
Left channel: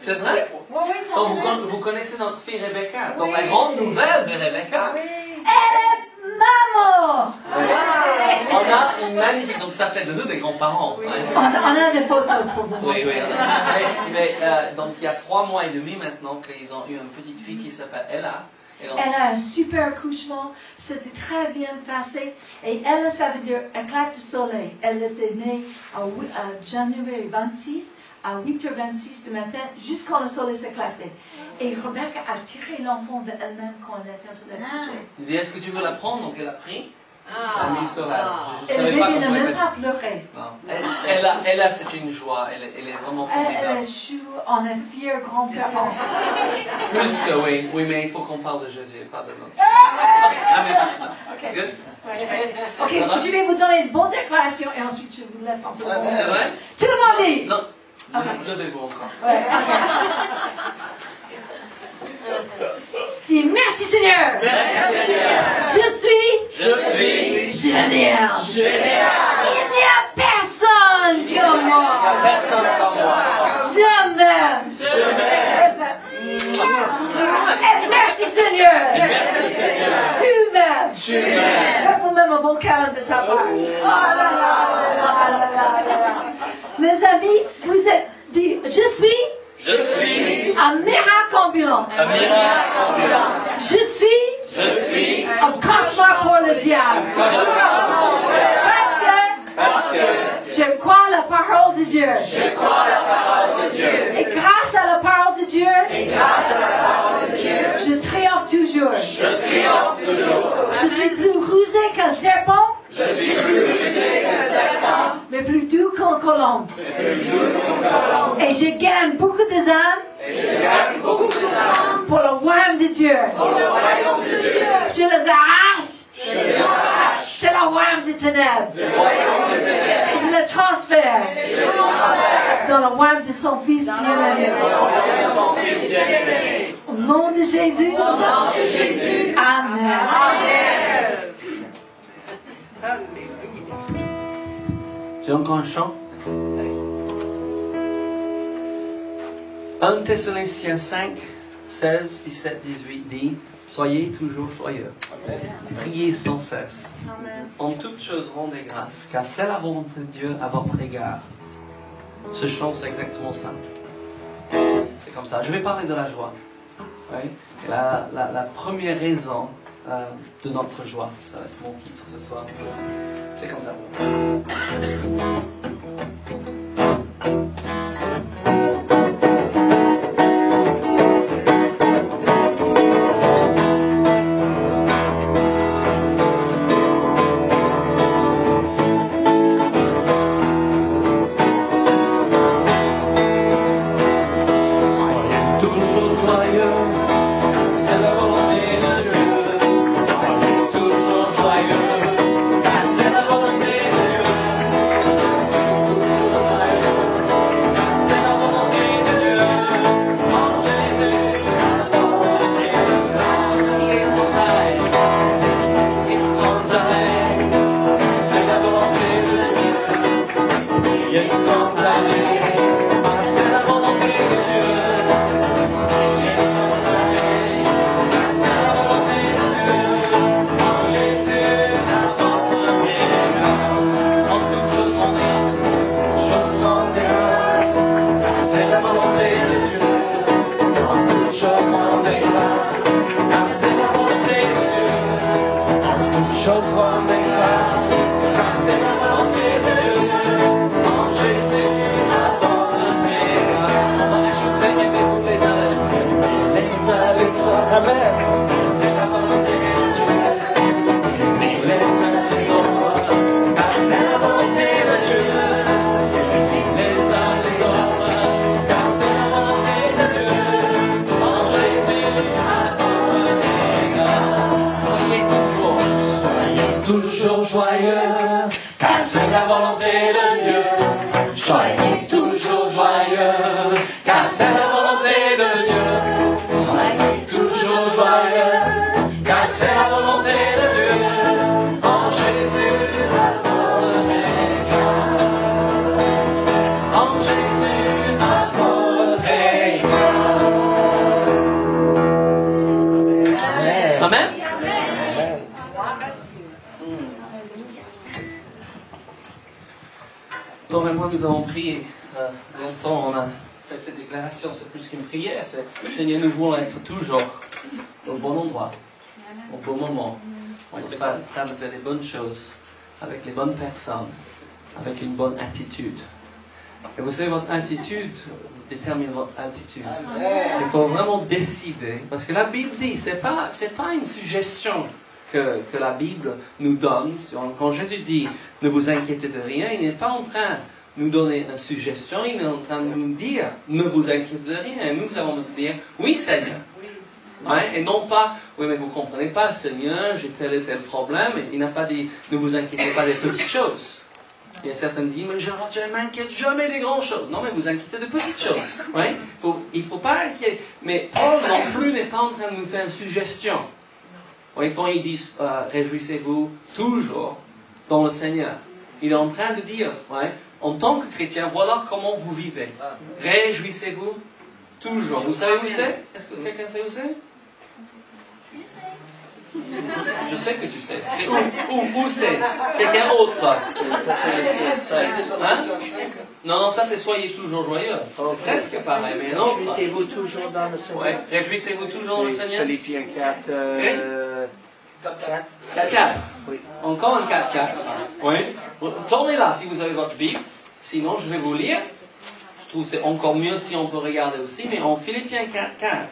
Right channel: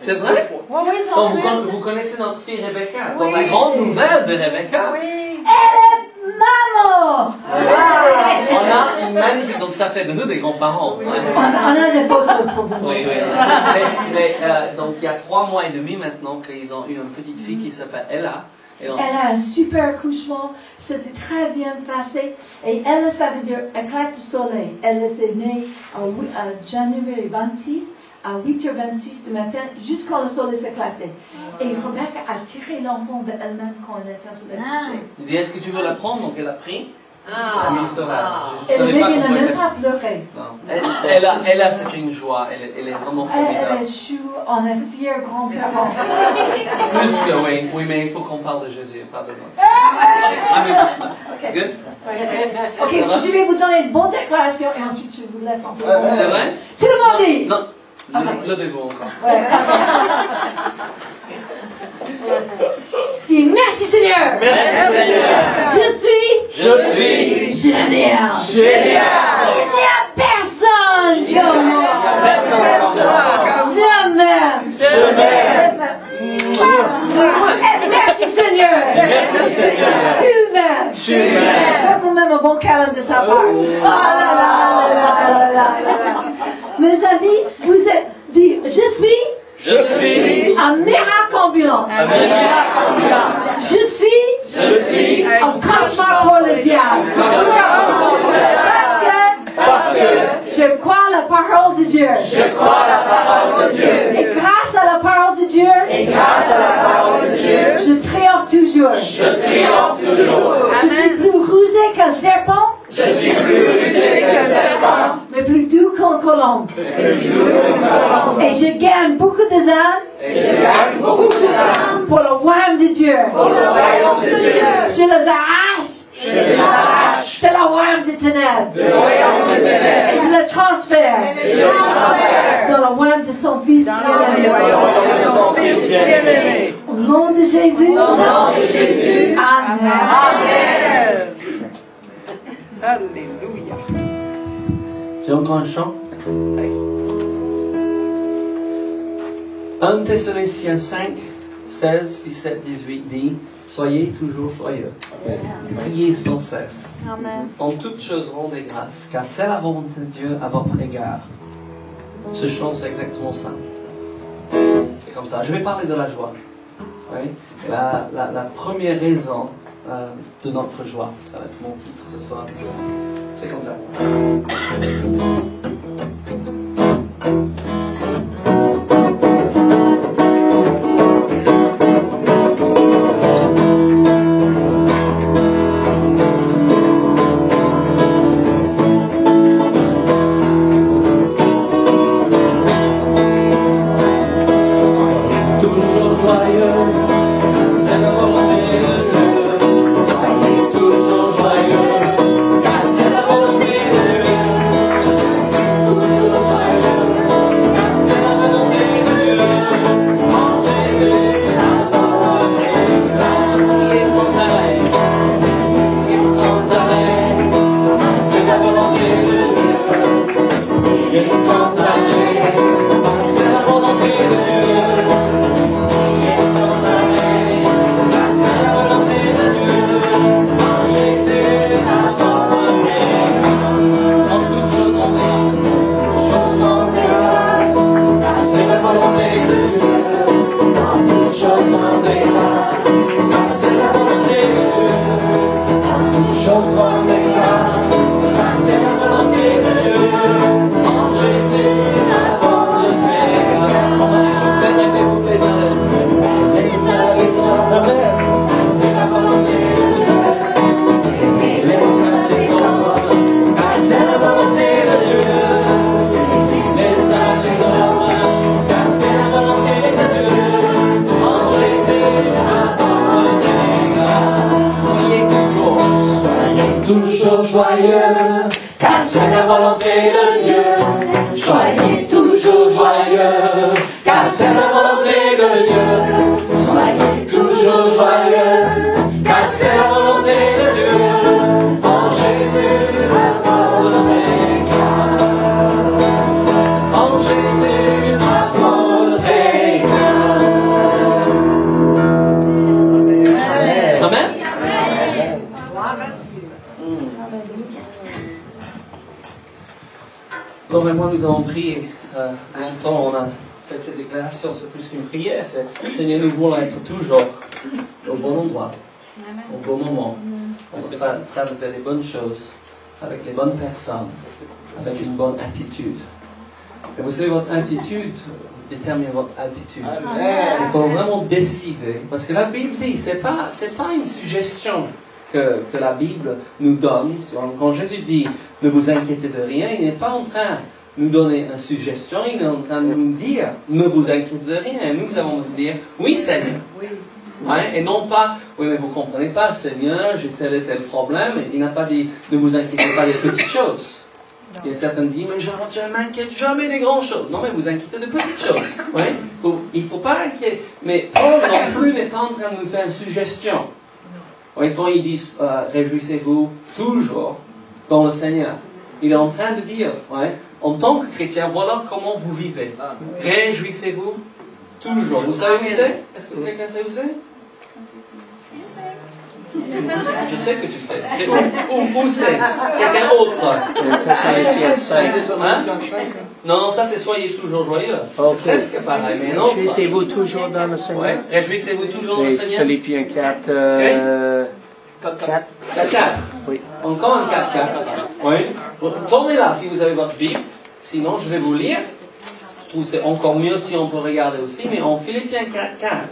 C'est vrai? Oui, Donc, vous connaissez notre fille Rebecca. Donc, la grande nouvelle de Rebecca. Maman! On a une magnifique, donc ça fait de nous des grands-parents. On a des photos pour vous. Oui. Donc il y a 3 mois et demi maintenant qu'ils ont eu une petite fille qui s'appelle Ella. Elle a un super accouchement, c'était très bien passé. Et elle, ça veut dire éclat de soleil. Elle était née à janvier 26, à 8h26 du matin, juste quand le soleil s'éclatait. Et Rebecca a tiré l'enfant d'elle-même quand elle était en train de coucher. Il dit, est-ce que tu veux la prendre? Donc elle a pris. Et le bébé n'a même pas pleuré. Elle, c'est une joie. Elle est vraiment formidable. Elle est chou, on est fiers grands-parents. Plus que oui, mais il faut qu'on parle de Jésus, pas de nous. Okay. Ok, je vais vous donner une bonne déclaration et ensuite je vous laisse en tout. C'est vrai? Tout le monde dit. Non. Levez-vous encore. Dis merci Seigneur. Merci Seigneur. Je suis génial. Il n'y a personne comme moi. Je m'aime. Merci Seigneur. Tu m'aimes. Vous-même un bon câlin de sa part. Oh là là. Mes amis, vous êtes dit, je suis un miracle ambulant. Je suis un cauchemar pour le diable. Parce que je crois la parole de Dieu. Et grâce à la parole de Dieu, je triomphe toujours. Je suis plus rusé qu'un serpent. Mais plus doux qu'un colombe. Et je gagne beaucoup de âmes pour le royaume de Dieu. Je les arrache de la royaume des ténèbres. Et je les transfère dans le royaume de son Fils bien-aimé. Au nom de Jésus. Amen. J'ai encore un chant. 1 Thessaloniciens 5, 16, 17, 18 dit, soyez toujours joyeux. Priez sans cesse. Amen. En toutes choses rendez grâce, car c'est la volonté de Dieu à votre égard. Ce chant, c'est exactement ça. C'est comme ça. Je vais parler de la joie. Oui. Et la première raison de notre joie, ça va être mon titre ce soir. C'est comme ça. toujours joyeux, car c'est la volonté de Dieu. Soyez toujours joyeux, car c'est la volonté de Dieu. Soyez toujours joyeux, car c'est la volonté de Dieu. En Jésus, notre Vainqueur. En Jésus, notre Vainqueur. Amen. Bon, maintenant nous avons prié longtemps, on a fait cette déclaration, c'est plus qu'une prière, c'est Seigneur, nous voulons être toujours au bon endroit, au bon moment. On est en train de faire les bonnes choses, avec les bonnes personnes, avec une bonne attitude. Et vous savez, votre attitude détermine votre attitude. Il faut vraiment décider, parce que la Bible dit, c'est pas une suggestion que la Bible nous donne. Quand Jésus dit ne vous inquiétez de rien, il n'est pas en train de nous donner une suggestion, il est en train de nous dire ne vous inquiétez de rien. Et nous allons nous dire oui Seigneur. Ouais, et non pas oui mais vous ne comprenez pas Seigneur, j'ai tel et tel problème. Il n'a pas dit ne vous inquiétez pas des petites choses. Il y a certains qui disent mais je ne m'inquiète jamais des grandes choses. Non mais vous inquiétez de petites choses. Ouais, il ne faut pas inquiéter. Mais Paul non plus n'est pas en train de nous faire une suggestion. Oui, quand ils disent réjouissez-vous toujours dans le Seigneur, il est en train de dire, en tant que chrétien, voilà comment vous vivez. Réjouissez-vous toujours. Vous savez où c'est? Est-ce que quelqu'un sait où c'est? Je sais que tu sais. C'est où c'est? Quelqu'un autre? Hein? Non, ça c'est soyez toujours joyeux. Presque pareil, mais non. Réjouissez-vous toujours dans le Seigneur. Ouais. Réjouissez-vous toujours dans le Seigneur. Philippiens 4. 4. Oui. Encore un 4. Oui. Tournez là si vous avez votre Bible. Sinon, je vais vous lire. Je trouve que c'est encore mieux si on peut regarder aussi. Mais en Philippiens 4.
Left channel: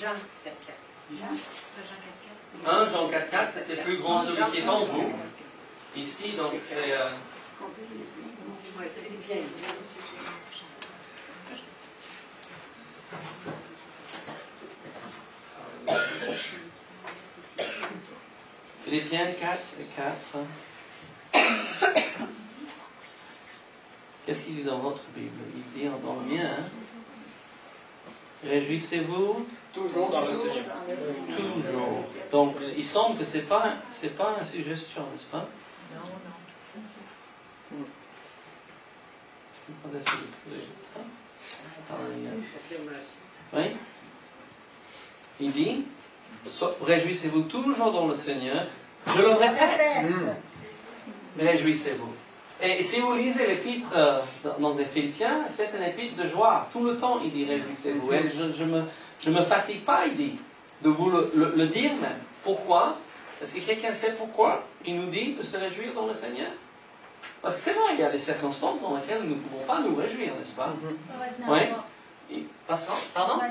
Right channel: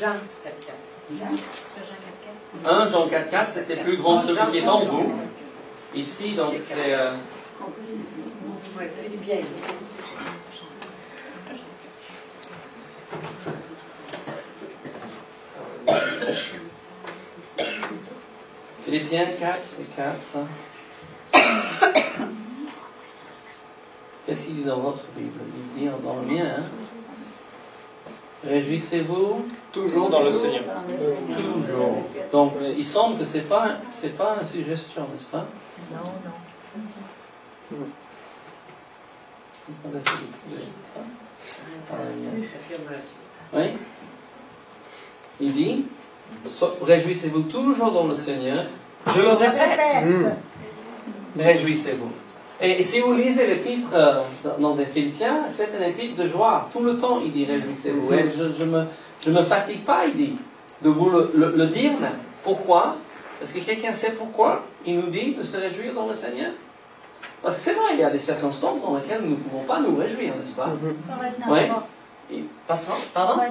Jean 4. 1 Jean 4, c'était plus grand celui qui est en vous. Ici, donc, c'est... Philippiens 4 et 4. Qu'est-ce qu'il dit dans votre Bible? Il dit dans le mien, hein? Réjouissez-vous toujours dans le Seigneur. Toujours. Donc, il semble que c'est pas une suggestion, n'est-ce pas? Non. Oui. Il dit, réjouissez-vous toujours dans le Seigneur. Je le répète. Réjouissez-vous. Et si vous lisez l'épître dans les Philippiens, c'est un épître de joie. Tout le temps, il dit réjouissez-vous. Et je me fatigue pas, il dit, de vous le dire même. Pourquoi? Est-ce que quelqu'un sait pourquoi il nous dit de se réjouir dans le Seigneur? Parce que c'est vrai, il y a des circonstances dans lesquelles nous ne pouvons pas nous réjouir, n'est-ce pas? Oui. Pardon?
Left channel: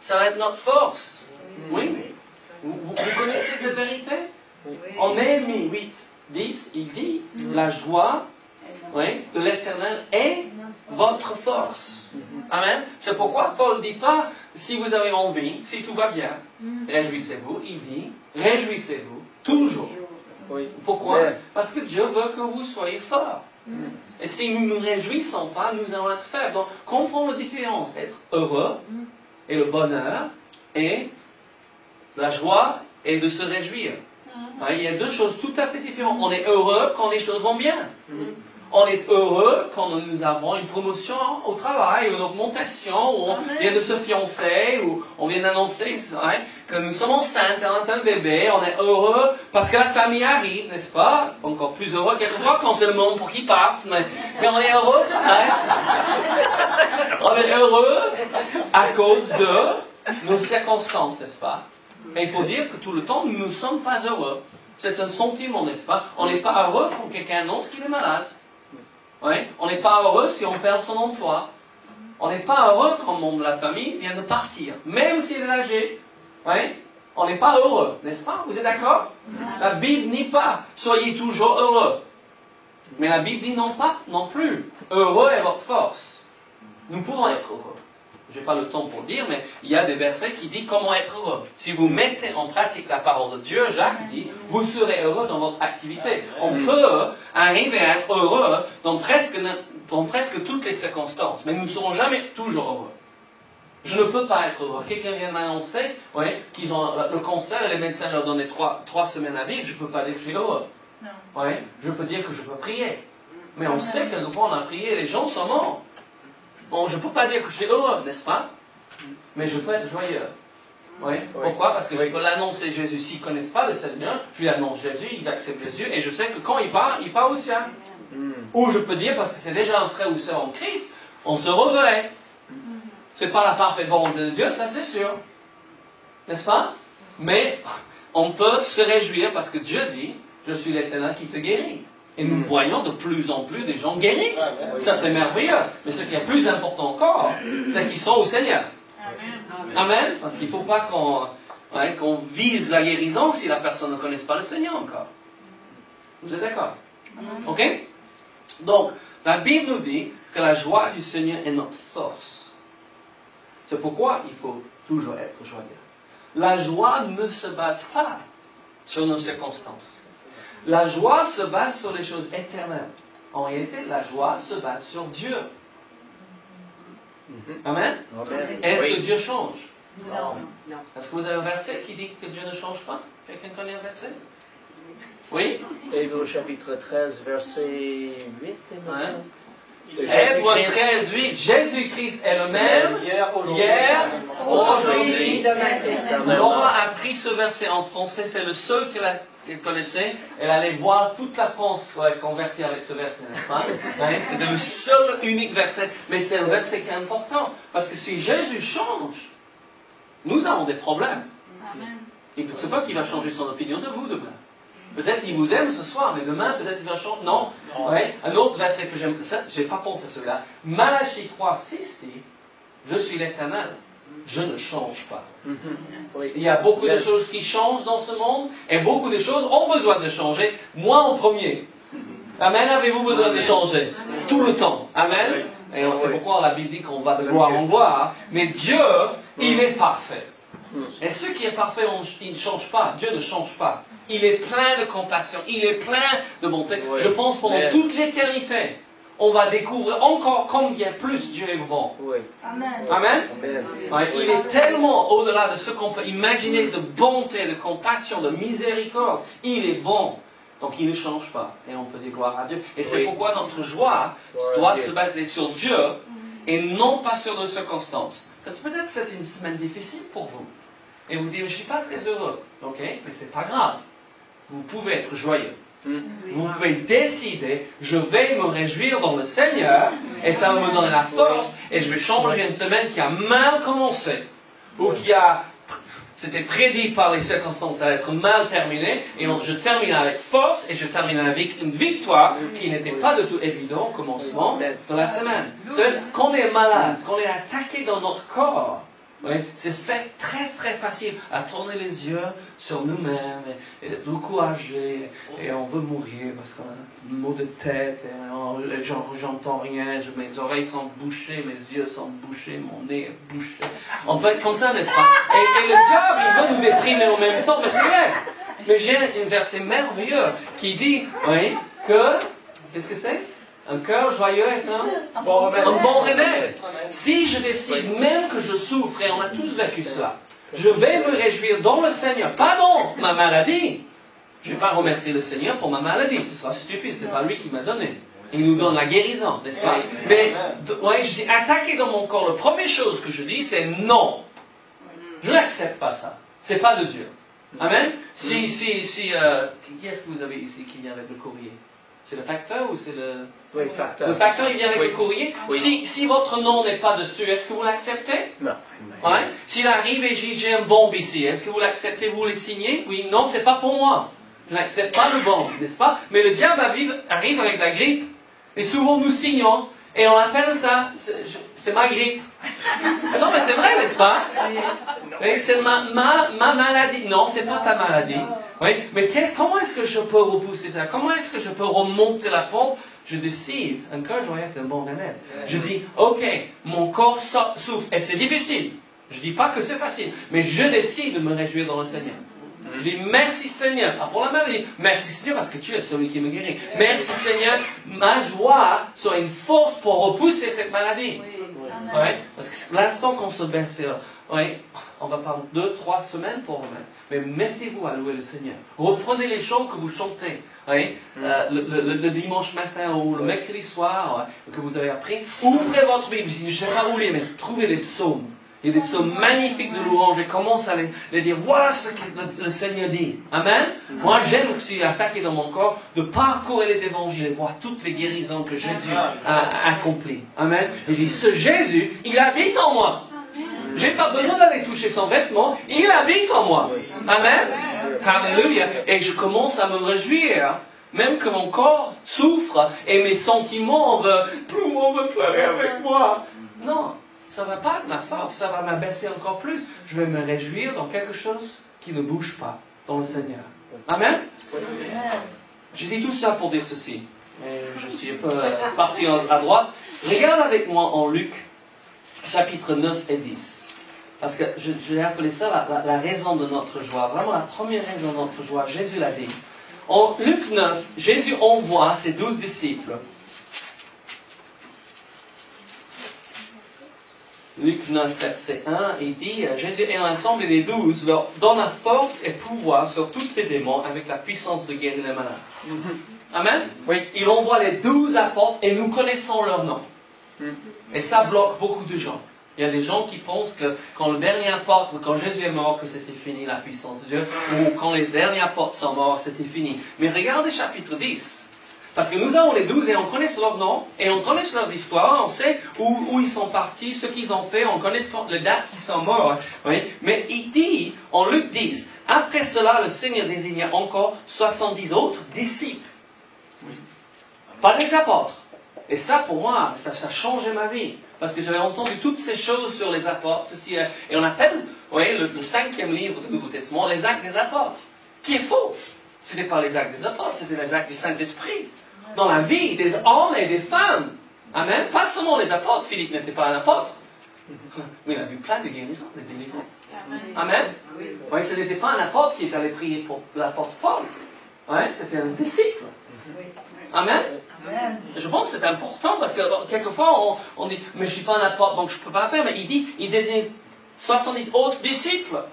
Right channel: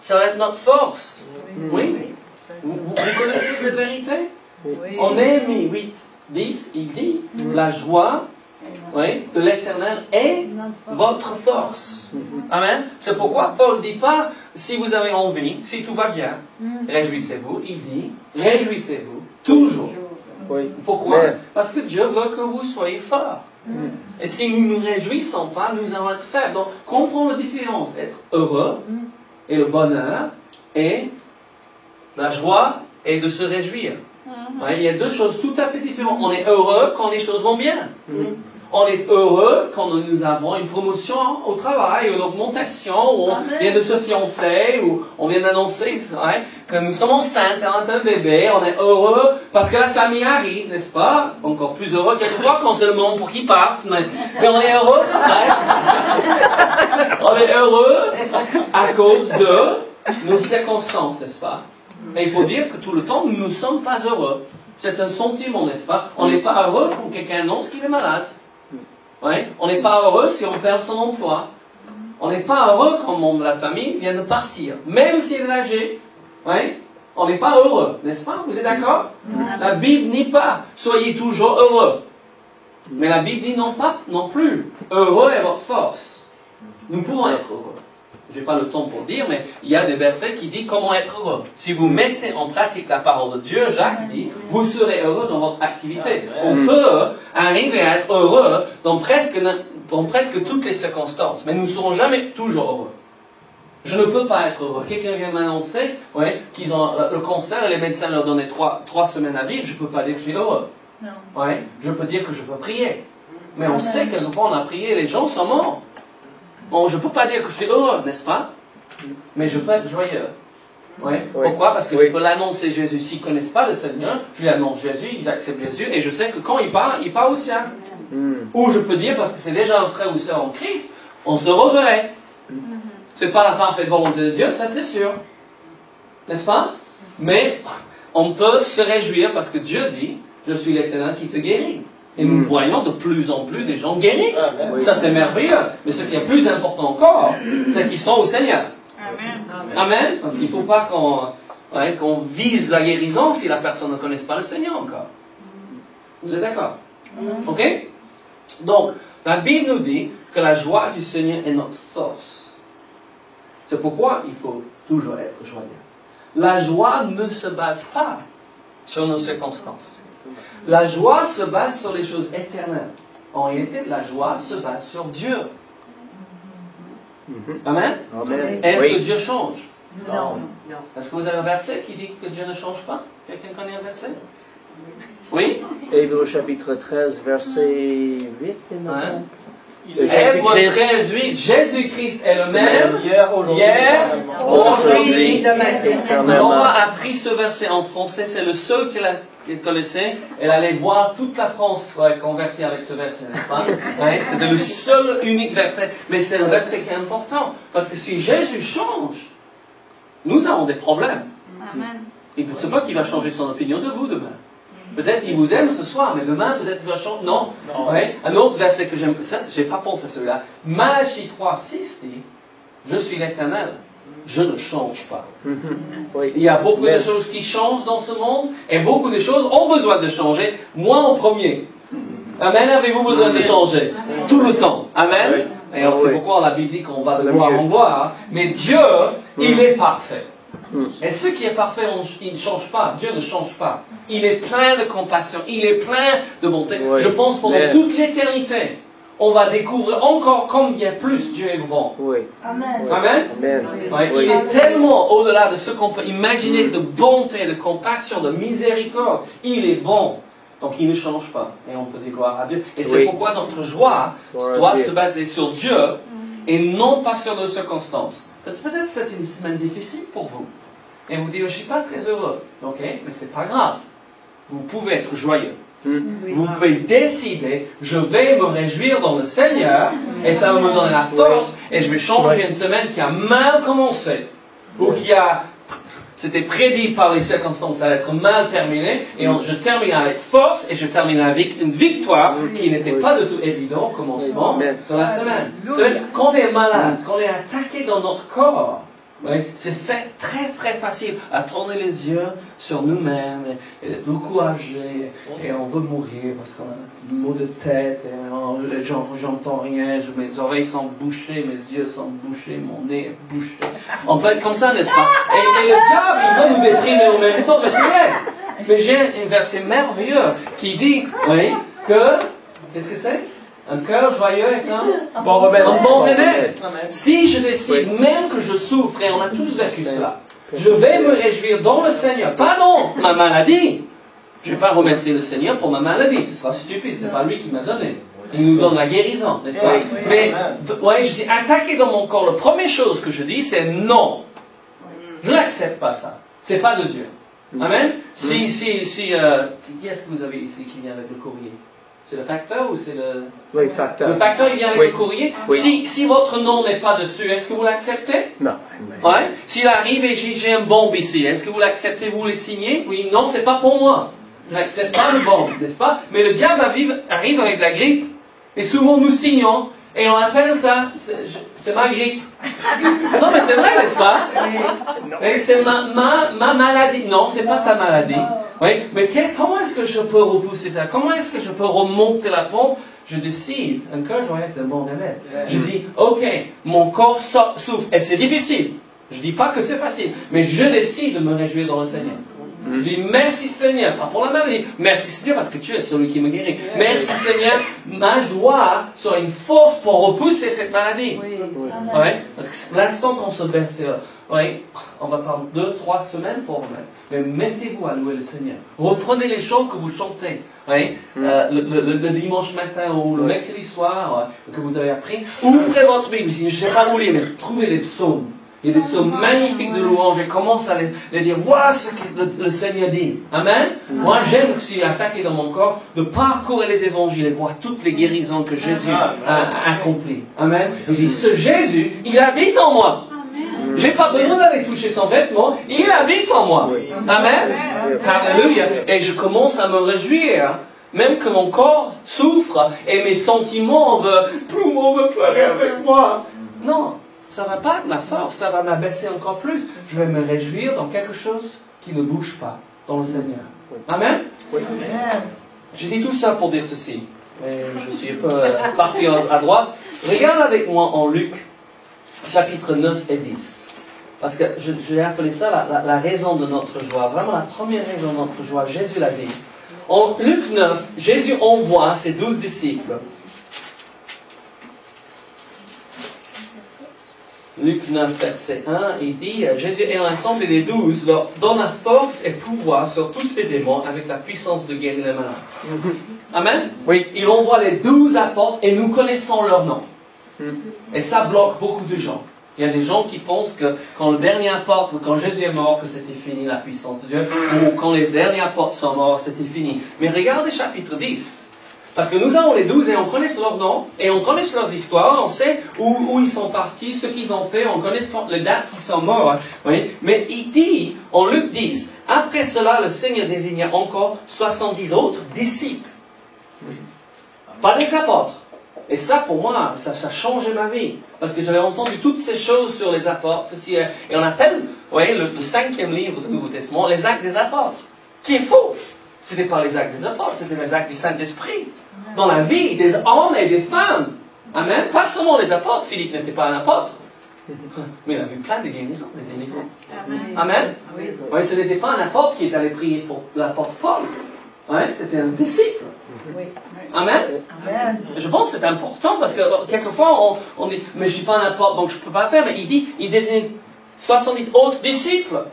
Ça va être notre force. Oui. Vous connaissez cette vérité? En Néhémie 8, 10, il dit la joie de l'Éternel est votre force. Amen. C'est pourquoi Paul ne dit pas si vous avez envie, si tout va bien, réjouissez-vous. Il dit réjouissez-vous toujours. Pourquoi? Parce que Dieu veut que vous soyez forts. Et si nous ne nous réjouissons pas, nous allons être faibles. Donc, comprenons la différence. Être heureux et le bonheur et la joie et de se réjouir. Il y a deux choses tout à fait différentes. On est heureux quand les choses vont bien. On est heureux quand nous avons une promotion au travail, une augmentation, ou on vient de se fiancer, ou on vient d'annoncer que nous sommes enceintes, on a un bébé. On est heureux parce que la famille arrive, n'est-ce pas? Encore plus heureux quelquefois quand c'est le moment pour qu'ils partent. Mais on est heureux. On est heureux à cause de nos circonstances, n'est-ce pas? Et il faut dire que tout le temps, nous ne sommes pas heureux. C'est un sentiment, n'est-ce pas? On n'est pas heureux quand quelqu'un annonce qu'il est malade. On n'est pas heureux si on perd son emploi. On n'est pas heureux quand le membre de la famille vient de partir. Même s'il est âgé. On n'est pas heureux, n'est-ce pas? Vous êtes d'accord? La Bible dit pas « Soyez toujours heureux ». Mais la Bible dit non plus « Heureux est votre force ». Nous pouvons être heureux. j'ai pas le temps pour dire, mais il y a des versets qui disent comment être heureux. Si vous mettez en pratique la parole de Dieu, Jacques dit, vous serez heureux dans votre activité. On peut arriver à être heureux dans presque toutes les circonstances, mais nous ne serons jamais toujours heureux. Je ne peux pas être heureux. Quelqu'un vient m'annoncer qu'ils ont le cancer et les médecins leur donnaient 3 semaines à vivre, je ne peux pas dire que je suis heureux. Non. Je peux dire que je peux prier. Mais on sait que quand on a prié, les gens sont morts. Bon, je ne peux pas dire que je suis heureux, n'est-ce pas? Mais je peux être joyeux. Pourquoi? Parce que je peux l'annoncer Jésus. S'ils ne connaissent pas le Seigneur, je lui annonce Jésus, ils acceptent Jésus, et je sais que quand il part au ciel. Ou je peux dire, parce que c'est déjà un frère ou sœur en Christ, on se reverrait. C'est pas la parfaite volonté de Dieu, ça c'est sûr. N'est-ce pas? Mais on peut se réjouir parce que Dieu dit, je suis l'Éternel qui te guérit. Et nous voyons de plus en plus des gens guéris. Ça c'est merveilleux. Mais ce qui est plus important encore, c'est qu'ils sont au Seigneur. Amen. Parce qu'il ne faut pas qu'on vise la guérison si la personne ne connaît pas le Seigneur encore. Vous êtes d'accord? Ok? Donc, la Bible nous dit que la joie du Seigneur est notre force. C'est pourquoi il faut toujours être joyeux. La joie ne se base pas sur nos circonstances. La joie se base sur les choses éternelles. En réalité, la joie se base sur Dieu. Amen? Est-ce que Dieu change? Non. Est-ce que vous avez un verset qui dit que Dieu ne change pas? Quelqu'un connaît un verset? Oui? Hébreux chapitre 13, verset 8. Hébreux 13, 8, Jésus-Christ est le même hier, aujourd'hui, demain. Nora a pris ce verset en français, c'est le seul qu'elle connaissait. Elle allait voir toute la France convertie avec ce verset, n'est-ce pas? C'était le seul unique verset, mais c'est un verset qui est important, parce que si Jésus change, nous avons des problèmes. Il ne sait pas qu'il va changer son opinion de vous demain. Peut-être qu'il vous aime ce soir, mais demain, peut-être qu'il va changer. Non. Un autre verset que j'aime, ça, je n'ai pas pensé à celui-là. Malachie 3, 6 dit, je suis l'Éternel, je ne change pas. Il y a beaucoup de choses qui changent dans ce monde, et beaucoup de choses ont besoin de changer. Moi en premier. Amen. Avez-vous besoin de changer? Tout le temps. Amen. Et c'est pourquoi la Bible dit qu'on va de gloire en gloire. Mais Dieu, il est parfait. Et ce qui est parfait, il ne change pas. Dieu ne change pas. Il est plein de compassion. Il est plein de bonté. Je pense pendant toute l'éternité, on va découvrir encore combien plus Dieu est bon. Amen. Amen. Il est tellement au-delà de ce qu'on peut imaginer de bonté, de compassion, de miséricorde. Il est bon. Donc il ne change pas. Et on peut dire gloire à Dieu. Et c'est pourquoi notre joie doit se baser sur Dieu et non pas sur nos circonstances. Peut-être c'est une semaine difficile pour vous. Et vous dites, je ne suis pas très heureux. Ok, mais ce n'est pas grave. Vous pouvez être joyeux. Vous pouvez décider, je vais me réjouir dans le Seigneur, et ça va me donner la force, et je vais changer une semaine qui a mal commencé, ou qui a, c'était prédit par les circonstances, ça va être mal terminé, et je termine avec force, et je termine avec une victoire qui n'était pas du tout évidente au commencement de la semaine. Quand on est malade, quand on est attaqué dans notre corps, c'est fait très très facile à tourner les yeux sur nous-mêmes et de nous encourager et on veut mourir parce qu'on a une mauvaise tête et j'entends rien, mes oreilles sont bouchées, mes yeux sont bouchés, mon nez est bouché. On peut être comme ça, n'est-ce pas? Et le diable, il veut nous déprimer en même temps, mais c'est vrai. Mais j'ai un verset merveilleux qui dit que, qu'est-ce que c'est? Un cœur joyeux est un bon remède. Si je décide, même que je souffre, et on a tous vécu cela, je vais me réjouir dans le Seigneur, pas dans ma maladie. Je ne vais pas remercier le Seigneur pour ma maladie, ce sera stupide, ce n'est pas lui qui m'a donné. Il nous donne la guérison, n'est-ce pas? Mais, je dis, attaquer dans mon corps, la première chose que je dis, c'est non. Je n'accepte pas ça. C'est pas de Dieu. Amen? Qui est-ce que vous avez ici qui vient avec le courrier? C'est le facteur ou c'est le... Oui, facteur. Le facteur, il vient avec le courrier. Si votre nom n'est pas dessus, est-ce que vous l'acceptez? Non. S'il arrive et j'ai un bombe ici, est-ce que vous l'acceptez, vous le signez? Oui, non, c'est pas pour moi. Je n'accepte pas le bombe, n'est-ce pas? Mais le diable arrive avec la grippe. Et souvent nous signons. Et on appelle ça, c'est ma grippe. Non, mais c'est vrai, n'est-ce pas? Oui, c'est ma maladie. Non, c'est pas ta maladie. Oui, mais comment est-ce que je peux repousser ça? Comment est-ce que je peux remonter la pompe? Je décide, un cœur joyeux est un bon remède. Je dis, ok, mon corps souffre, et c'est difficile. Je dis pas que c'est facile, mais je décide de me réjouir dans le Seigneur. Je dis merci Seigneur, pas pour la maladie, merci Seigneur parce que tu es celui qui me guérit. Merci Seigneur, ma joie soit une force pour repousser cette maladie. Ouais, parce que l'instant qu'on se baisse, on va prendre 2-3 semaines pour remettre. Mais mettez-vous à louer le Seigneur. Reprenez les chants que vous chantez. Le dimanche matin ou le mercredi soir que vous avez appris. Ouvrez votre Bible, je ne sais pas où lire, mais trouvez les psaumes. Il y a des psaumes magnifiques de louange et commence à les dire. Voilà ce que le Seigneur dit. Amen. Moi, j'aime, si attaqué dans mon corps, de parcourir les évangiles et voir toutes les guérisons que Jésus a accomplies. Amen. Et je dis, ce Jésus, il habite en moi. J'ai pas besoin d'aller toucher son vêtement. Il habite en moi. Amen. Alléluia. Et je commence à me réjouir. Même que mon corps souffre et mes sentiments tout le monde veut pleurer avec moi. Non. Ça ne va pas de ma force, ça va m'abaisser encore plus. Je vais me réjouir dans quelque chose qui ne bouge pas, dans le Seigneur. Amen? Oui. Je dis tout ça pour dire ceci. Et je suis un peu parti à droite. Regarde avec moi en Luc, chapitre 9 et 10. Parce que je l'ai appelé ça la raison de notre joie. Vraiment la première raison de notre joie. Jésus l'a dit. En Luc 9, Jésus envoie ses 12 disciples. Luc 9, verset 1, il dit, Jésus ayant assemblé les 12, leur donna force et pouvoir sur tous les démons avec la puissance de guérir les malades. Amen? Oui. Il envoie les 12 apôtres et nous connaissons leur nom. Et ça bloque beaucoup de gens. Il y a des gens qui pensent que quand le dernier apôtre, quand Jésus est mort, que c'était fini la puissance de Dieu, ou quand les derniers apôtres sont morts, c'était fini. Mais regardez chapitre 10. Parce que nous avons les 12 et on connaît leurs noms, et on connaît leurs histoires, on sait où ils sont partis, ce qu'ils ont fait, on connaît les dates qu'ils sont morts. Oui. Mais il dit, en Luc 10, après cela, le Seigneur désigna encore 70 autres disciples. Oui. Pas des apôtres. Et ça, pour moi, ça a changé ma vie. Parce que j'avais entendu toutes ces choses sur les apôtres. Et on appelle, le 5e livre du Nouveau Testament, les actes des apôtres. Qui est faux. Ce n'était pas les actes des apôtres, c'était les actes du Saint-Esprit. Dans la vie des hommes et des femmes. Amen. Pas seulement les apôtres. Philippe n'était pas un apôtre. Mais il a vu plein de guérisons, de délivrances. Amen. Oui, ce n'était pas un apôtre qui est allé prier pour l'apôtre Paul. Ouais, c'était un disciple. Amen. Je pense que c'est important parce que quelquefois on dit, mais je ne suis pas un apôtre donc je ne peux pas faire. Mais il désigne 70 autres disciples.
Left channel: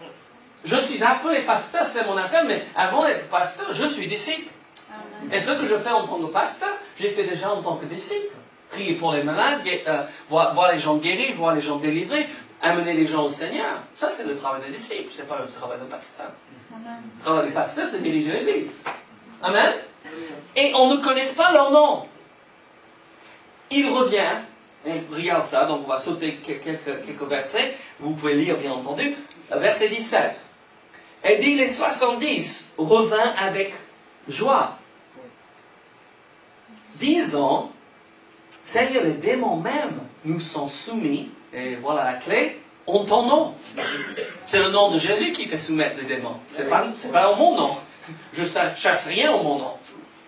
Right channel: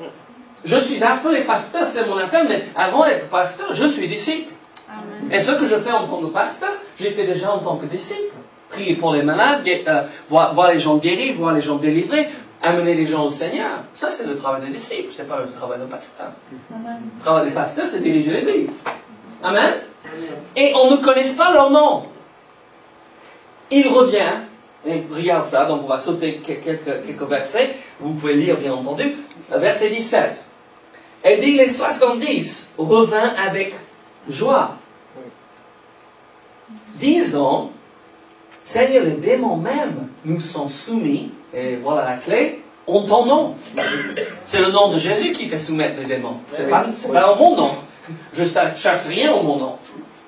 Je suis appelé pasteur, c'est mon appel, mais avant d'être pasteur, je suis disciple. Et ce que je fais en tant que pasteur, j'ai fait déjà en tant que disciple. Prier pour les malades, voir les gens guéris, voir les gens délivrés, amener les gens au Seigneur. Ça, c'est le travail de disciple, c'est pas le travail de pasteur. Le travail du pasteur, c'est diriger l'Église. Amen. Et on ne connaît pas leur nom. Il revient, et regarde ça, donc on va sauter quelques versets, vous pouvez lire bien entendu, verset 17. Et dit, les 70 revint avec joie, disant, Seigneur, les démons même nous sont soumis, et voilà la clé, en ton nom. C'est le nom de Jésus qui fait soumettre les démons. C'est pas en mon nom. Je chasse rien au mon nom.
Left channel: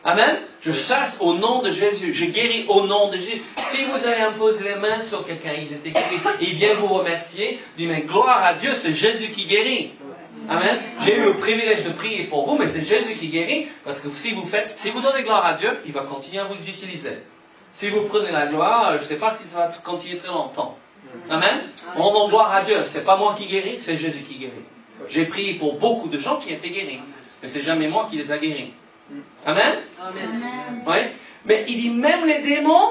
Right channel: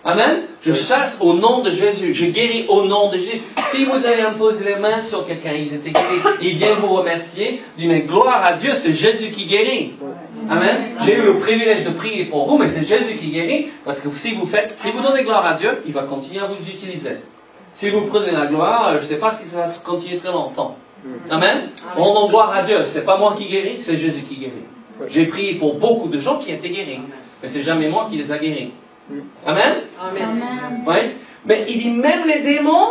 Amen. Je chasse au nom de Jésus. Je guéris au nom de Jésus. Si vous avez imposé les mains sur quelqu'un, ils étaient guéris, il vient vous remercier, dit, mais gloire à Dieu, c'est Jésus qui guérit. Amen. J'ai eu le privilège de prier pour vous, mais c'est Jésus qui guérit, parce que si vous donnez gloire à Dieu, il va continuer à vous utiliser. Si vous prenez la gloire, je ne sais pas si ça va continuer très longtemps. Amen. On donne gloire à Dieu. C'est pas moi qui guéris, c'est Jésus qui guérit. J'ai prié pour beaucoup de gens qui étaient guéris, mais c'est jamais moi qui les a guéris. Amen. Amen. Ouais. Mais il dit, même les démons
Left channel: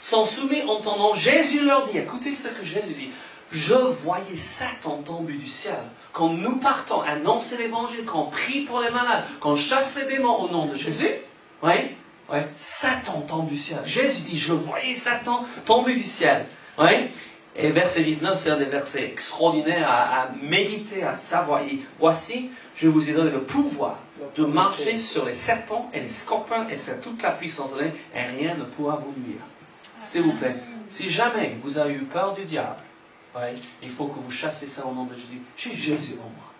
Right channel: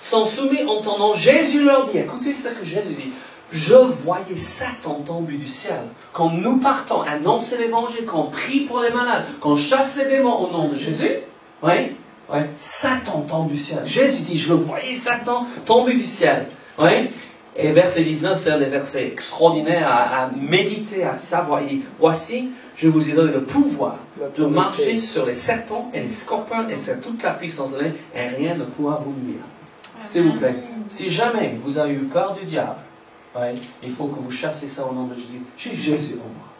sont soumis en ton nom. Jésus leur dit, écoutez ce que Jésus dit. Je voyais Satan tomber du ciel. Quand nous partons annoncer l'évangile, quand on prie pour les malades, quand on chasse les démons au nom de Jésus, Satan tombe du ciel. Jésus dit, je voyais Satan tomber du ciel. Et verset 19, c'est un des versets extraordinaires à méditer, à savoir. Il dit, voici, je vous ai donné le pouvoir de marcher sur les serpents et les scorpions et sur toute la puissance de l'ennemi, et rien ne pourra vous nuire. s'il vous plaît, si jamais vous avez eu peur du diable, ouais, il faut que vous chassez ça au nom de Jésus. J'ai Jésus en moi.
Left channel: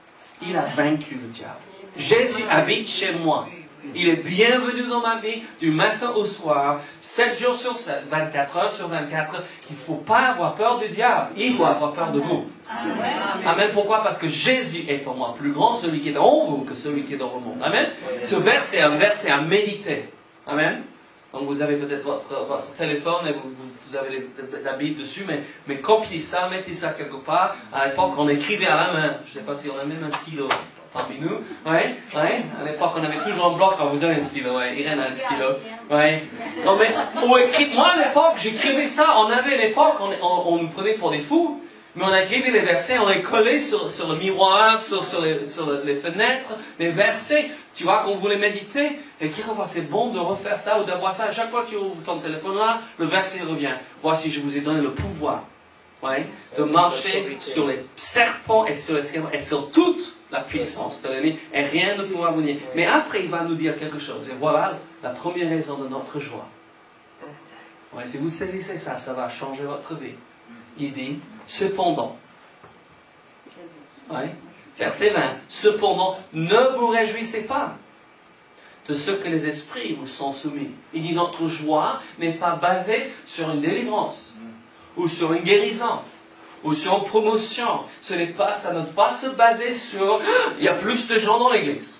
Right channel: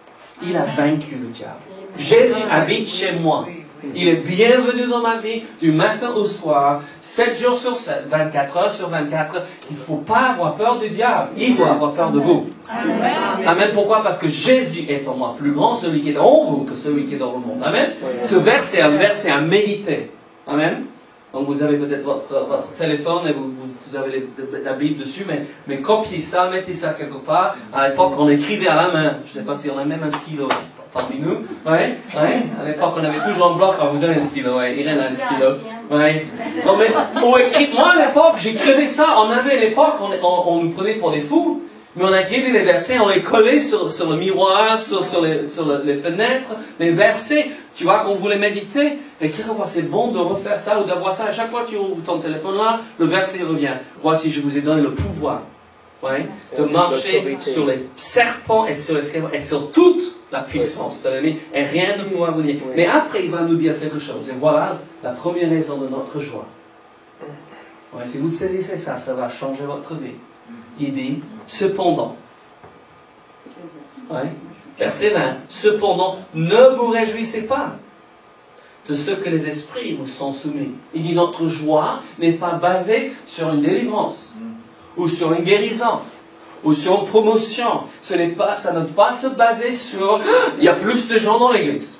Il a vaincu le diable. Jésus habite chez moi. Il est bienvenu dans ma vie du matin au soir, 7 jours sur 7, 24 heures sur 24. Il ne faut pas avoir peur du diable. Il doit avoir peur de vous. Amen. Pourquoi? Parce que Jésus est en moi. Plus grand celui qui est en vous que celui qui est dans le monde. Amen. Ce verset est un verset à méditer. Amen. Donc vous avez peut-être votre téléphone et vous avez la Bible dessus, mais copiez ça, mettez ça quelque part. À l'époque, on écrivait à la main. Je ne sais pas si on a même un stylo parmi nous. Ouais. À l'époque, on avait toujours un bloc. Vous avez un stylo, ouais. Irène a un stylo. Ouais. Non, mais, moi, à l'époque, j'écrivais ça. On avait à l'époque, on nous prenait pour des fous. Mais on écrivait les versets, on les collait sur le miroir, sur les fenêtres, les versets. Tu vois, qu'on voulait méditer. Et quelquefois, c'est bon de refaire ça ou d'avoir ça. À chaque fois que tu ouvres ton téléphone là, le verset revient. Voici, je vous ai donné le pouvoir. Ouais, de marcher sur les serpents et sur les scorpions et sur toute la puissance de l'ennemi, et rien ne pourra vous nier. Mais après, il va nous dire quelque chose. Et voilà la première raison de notre joie. Ouais, si vous saisissez ça, ça va changer votre vie. Il dit, cependant, ouais, verset 20, cependant, ne vous réjouissez pas de ce que les esprits vous sont soumis. Il dit, notre joie n'est pas basée sur une délivrance, ou sur une guérison, ou sur une promotion. Ça ne doit pas se baser sur, il y a plus de gens dans l'église.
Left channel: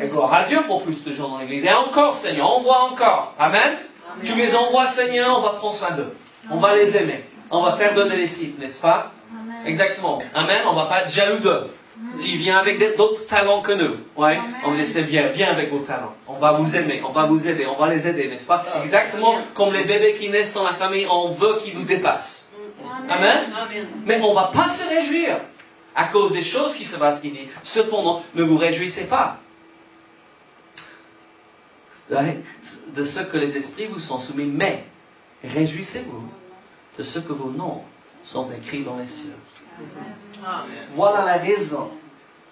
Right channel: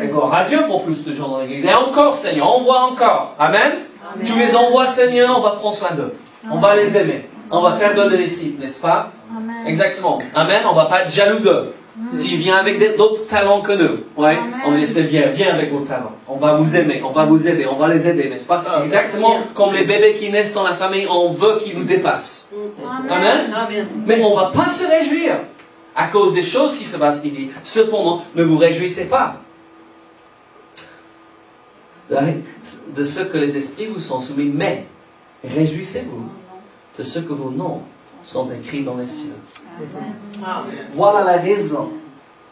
Et gloire à Dieu pour plus de gens dans l'église. Et encore, Seigneur, envoie encore. Amen. Tu les envoies, Seigneur, on va prendre soin d'eux. On va les aimer. On va faire de les disciples, n'est-ce pas? Amen. Exactement. Amen. On va pas être jaloux d'eux. S'il vient avec d'autres talents que nous, ouais, on va dire c'est bien, viens avec vos talents. On va vous aimer, on va vous aider, on va les aider, n'est-ce pas? Exactement comme les bébés qui naissent dans la famille, on veut qu'ils nous dépassent. Amen. Amen. Mais on ne va pas se réjouir à cause des choses qui se passent. Il dit, cependant, ne vous réjouissez pas de ce que les esprits vous sont soumis, mais réjouissez-vous de ce que vos noms sont écrits dans les cieux. Amen. Voilà la raison.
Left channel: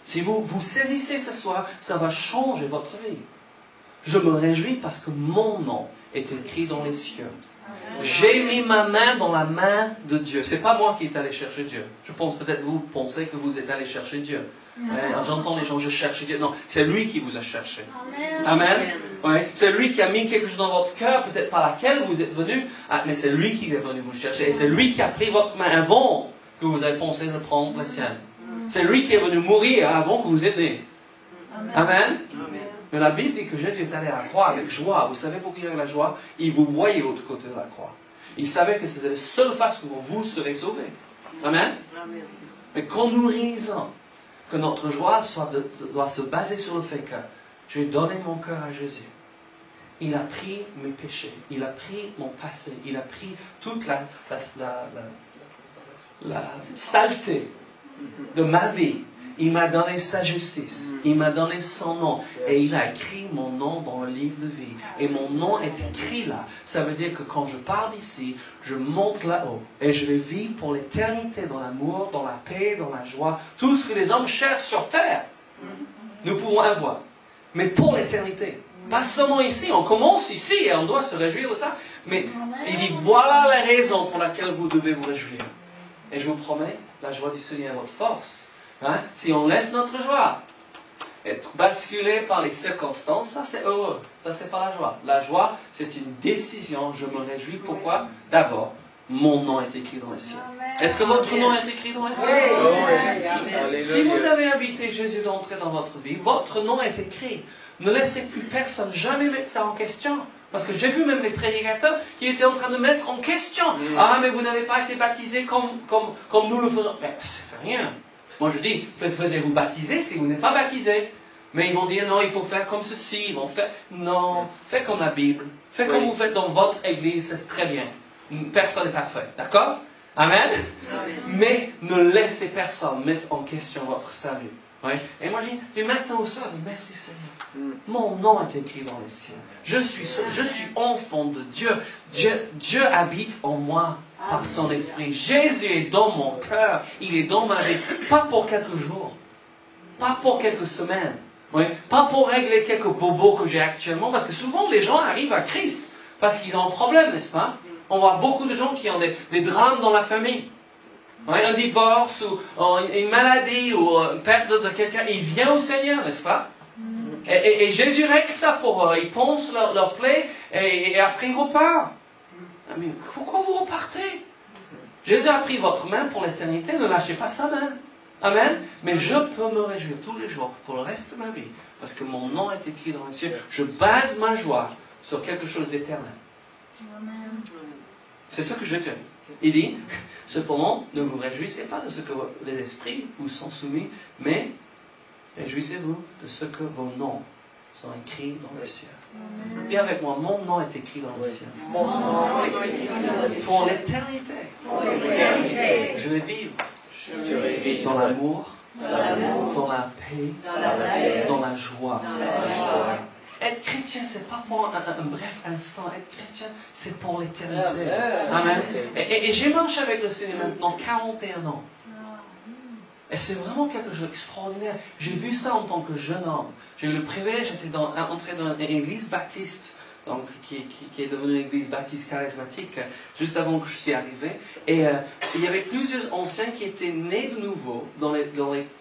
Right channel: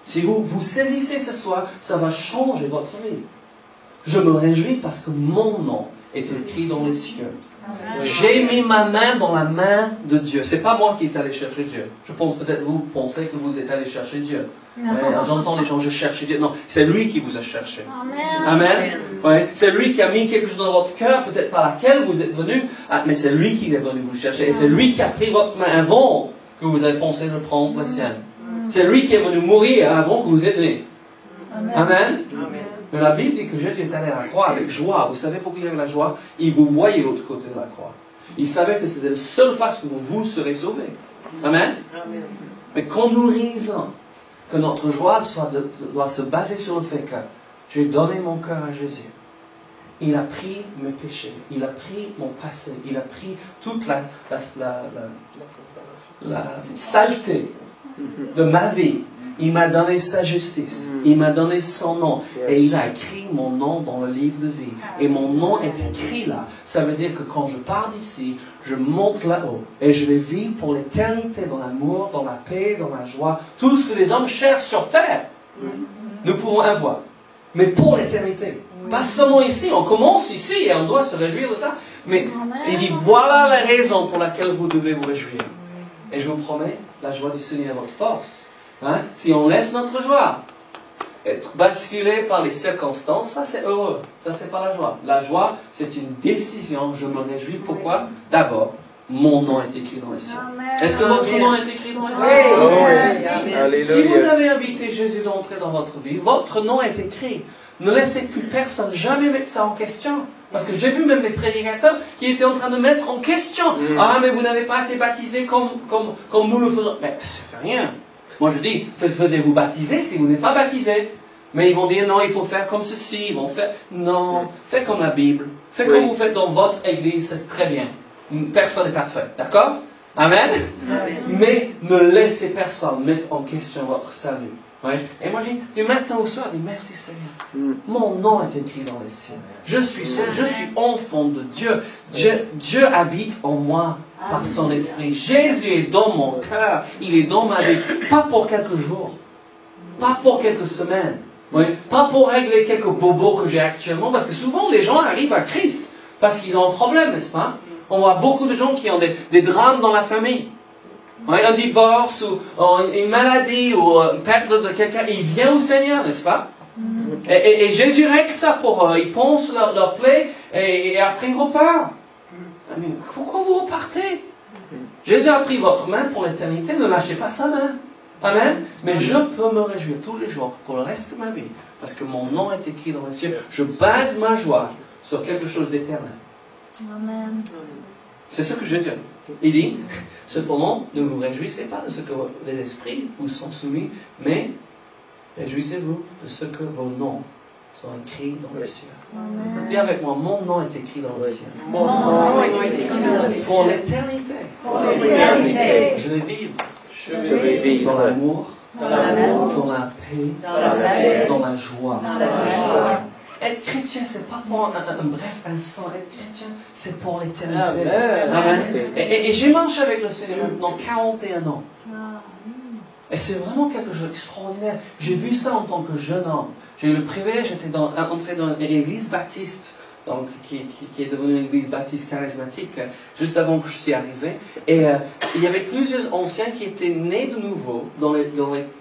Si vous saisissez ce soir, ça va changer votre vie. Je me réjouis parce que mon nom est écrit dans les cieux. J'ai mis ma main dans la main de Dieu. C'est pas moi qui est allé chercher Dieu. Je pense peut-être vous pensez que vous êtes allé chercher Dieu. J'entends les gens, je cherche Dieu. Non, c'est lui qui vous a cherché. Amen. Ouais. C'est lui qui a mis quelque chose dans votre cœur, peut-être par laquelle vous êtes venu, mais c'est lui qui est venu vous chercher. Et c'est lui qui a pris votre main avant que vous avez pensé de prendre la sienne. C'est lui qui est venu mourir avant que vous êtes né. Amen. Mais la Bible dit que Jésus est allé à la croix avec joie. Vous savez pourquoi il avait la joie? Il vous voyait de l'autre côté de la croix. Il savait que c'était la seule façon dont vous serez sauvés. Amen. Mais quand nous réalisons que notre joie doit se baser sur le fait que j'ai donné mon cœur à Jésus. Il a pris mes péchés. Il a pris mon passé. Il a pris toute la saleté de ma vie. Il m'a donné sa justice. Il m'a donné son nom. Et il a écrit mon nom dans le livre de vie. Et mon nom est écrit là. Ça veut dire que quand je pars d'ici, je monte là-haut. Et je vais vivre pour l'éternité dans l'amour, dans la paix, dans la joie. Tout ce que les hommes cherchent sur terre, nous pouvons avoir. Mais pour l'éternité. Pas seulement ici. On commence ici et on doit se réjouir de ça. Mais il dit, voilà la raison pour laquelle vous devez vous réjouir. Et je vous promets, la joie du Seigneur est votre force. Hein? Si on laisse notre joie être basculée par les circonstances, ça c'est heureux. Ça c'est pas la joie. La joie, c'est une décision. Je me réjouis. Pourquoi? D'abord, mon nom est écrit dans les cieux. Est-ce que votre nom est écrit dans les cieux? Oui. Si vous avez invité Jésus d'entrer dans votre vie, votre nom est écrit. Ne laissez plus personne jamais mettre ça en question. Parce que j'ai vu même des prédicateurs qui étaient en train de mettre en question. Ah, mais vous n'avez pas été baptisé comme nous le faisons. Mais ça fait rien. Moi je dis, faisez-vous baptiser si vous n'êtes pas baptisé. Mais ils vont dire, non, il faut faire comme ceci. Ils vont faire, non, faites comme la Bible. Faites comme vous faites dans votre église, c'est très bien. Personne n'est parfait. D'accord? Amen? Mais ne laissez personne mettre en question votre salut. Ouais. Et moi je dis, du matin au soir, je dis, merci Seigneur. Mon nom est écrit dans les cieux. Je suis enfant de Dieu. Dieu habite en moi par son esprit. Jésus est dans mon cœur. Il est dans ma vie. Pas pour quelques jours. Pas pour quelques semaines. Ouais. Pas pour régler quelques bobos que j'ai actuellement. Parce que souvent les gens arrivent à Christ parce qu'ils ont un problème, n'est-ce pas? on voit beaucoup de gens qui ont des drames dans la famille. Ouais, un divorce, ou une maladie, ou une perte de quelqu'un. Il vient au Seigneur, n'est-ce pas? Et Jésus règle ça pour eux. Il pense leur plaie et après il repart. Mais pourquoi vous repartez? Jésus a pris votre main pour l'éternité, ne lâchez pas sa main. Amen. Mais je peux me réjouir tous les jours pour le reste de ma vie, parce que mon nom est écrit dans les cieux. Je base ma joie sur quelque chose d'éternel. Amen. C'est ce que Jésus dit. Il dit, cependant, ne vous réjouissez pas de ce que les esprits vous sont soumis, mais réjouissez-vous de ce que vos noms sont écrits dans les cieux. Dis avec moi, mon nom est écrit dans les cieux. Mon nom est écrit dans les cieux. Pour l'éternité. Je vais vivre. Je vais vivre Dans l'amour, dans l'amour, dans la paix, dans la paix, dans la joie. dans la joie. Être chrétien, c'est pas pour un bref instant. Être chrétien, c'est pour l'éternité. Amen. Amen. Et j'ai marché avec le Seigneur maintenant 41 ans. Et c'est vraiment quelque chose d'extraordinaire. J'ai vu ça en tant que jeune homme. J'ai eu le privilège, j'étais entré dans une église baptiste, donc, qui est devenue une église baptiste charismatique, juste avant que je suis arrivé. Et il y avait plusieurs anciens qui étaient nés de nouveau dans les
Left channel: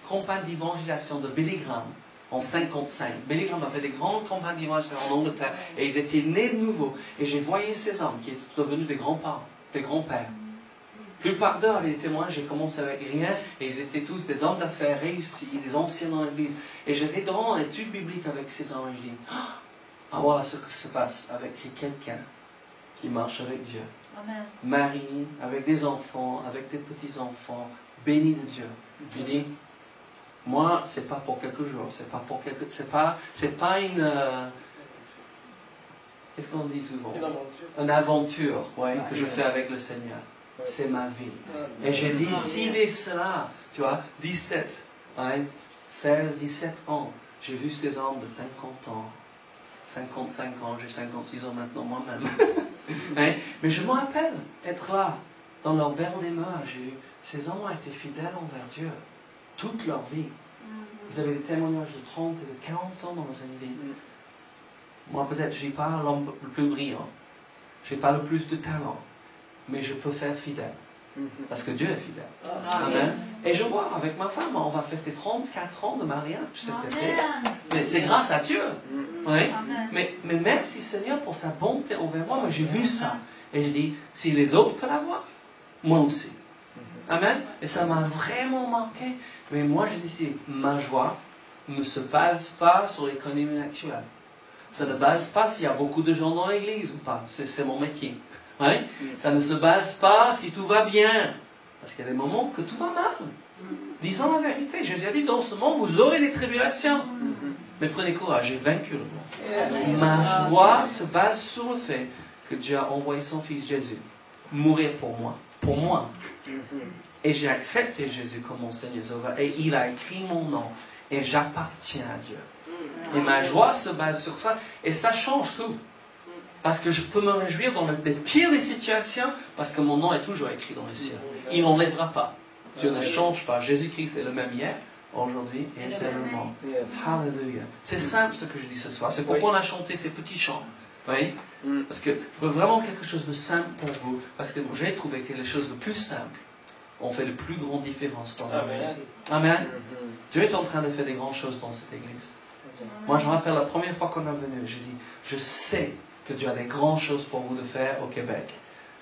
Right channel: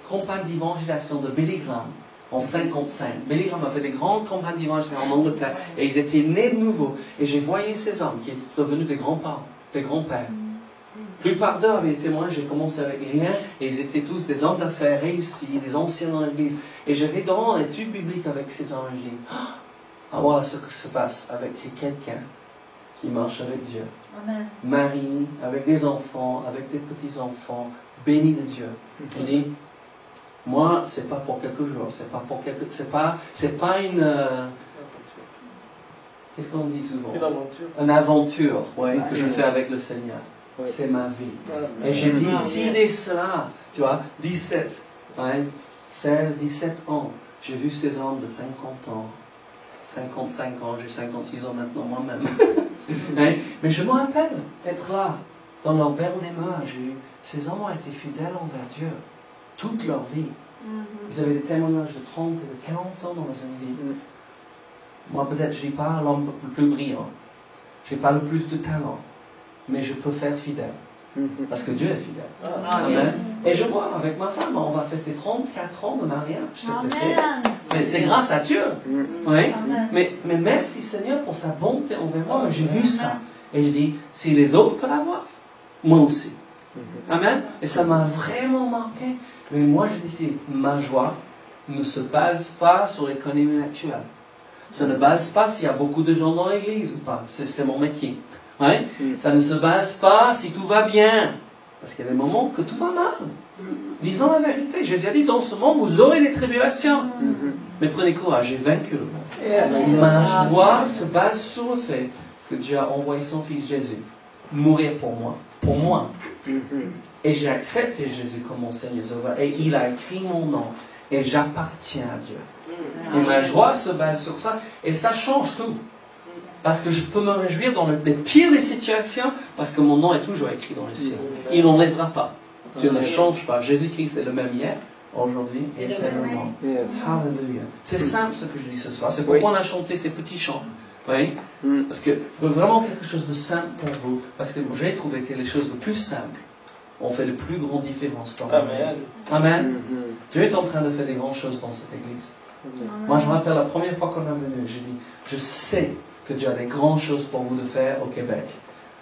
campagnes d'évangélisation de Billy Graham en 55. Billy Graham a fait des grandes campagnes d'évangélisation en Angleterre et ils étaient nés de nouveau. Et j'ai voyé ces hommes qui étaient devenus des grands-parents, des grands-pères. La plupart d'eux avaient été moi, j'ai commencé avec rien, et ils étaient tous des hommes d'affaires réussis, des anciens dans l'église. Et j'étais dans l'étude biblique avec ces hommes, et je dis, voilà ce que se passe avec quelqu'un qui marche avec Dieu. Amen. Marie, avec des enfants, avec des petits-enfants, bénis de Dieu. Il dit, moi, c'est pas pour quelques jours, c'est pas une, qu'est-ce qu'on dit souvent? Une aventure, ouais, que je fais avec le Seigneur. C'est ma vie. Et j'ai dit, s'il est cela, tu vois, 17, hein, 16, 17 ans, j'ai vu ces hommes de 50 ans, 55 ans, j'ai 56 ans maintenant moi-même. Hein, mais je me rappelle être là, dans leur belle demeure, ces hommes ont été fidèles envers Dieu, toute leur vie. Ils avaient des témoignages de 30 et de 40 ans dans une vie. Moi, peut-être, je n'ai pas l'homme le plus brillant, je n'ai pas le plus de talent, mais je peux faire fidèle. Parce que Dieu est fidèle. Amen. Et je vois, avec ma femme, on va fêter 34 ans de mariage cet été. C'est grâce à Dieu. Oui. Mais merci Seigneur pour sa bonté envers moi. J'ai vu ça. Et je dis, si les autres peuvent l'avoir, moi aussi. Amen. Et ça m'a vraiment marqué. Mais moi, je dis, ma joie ne se base pas sur l'économie actuelle. Ça ne base pas s'il y a beaucoup de gens dans l'église ou pas. C'est mon métier. Ouais? Ça ne se base pas si tout va bien. Parce qu'il y a des moments que tout va mal. Disons la vérité. Jésus a dit, dans ce monde, vous aurez des tribulations. Mais prenez courage, j'ai vaincu le monde. Ma joie se base sur le fait que Dieu a envoyé son Fils Jésus mourir pour moi. Pour moi. Et j'ai accepté Jésus comme mon Seigneur Sauveur. Et il a écrit mon nom. Et j'appartiens à Dieu. Et ma joie se base sur ça. Et ça change tout. Parce que je peux me réjouir dans les pires des situations, parce que mon nom est toujours écrit dans les cieux. Il n'enlèvera pas. Dieu ne change pas. Jésus-Christ est le même hier, aujourd'hui et éternellement. Alléluia. C'est simple ce que je dis ce soir. C'est pourquoi on a chanté ces petits chants. Oui? Parce que je veux vraiment quelque chose de simple pour vous. Parce que j'ai trouvé que les choses les plus simples ont fait de plus grandes différences dans la vie. Amen. Dieu est en train de faire des grandes choses dans cette église. Moi, je me rappelle la première fois qu'on est venu, j'ai dit, je sais que Dieu a des grandes choses pour vous de faire au Québec.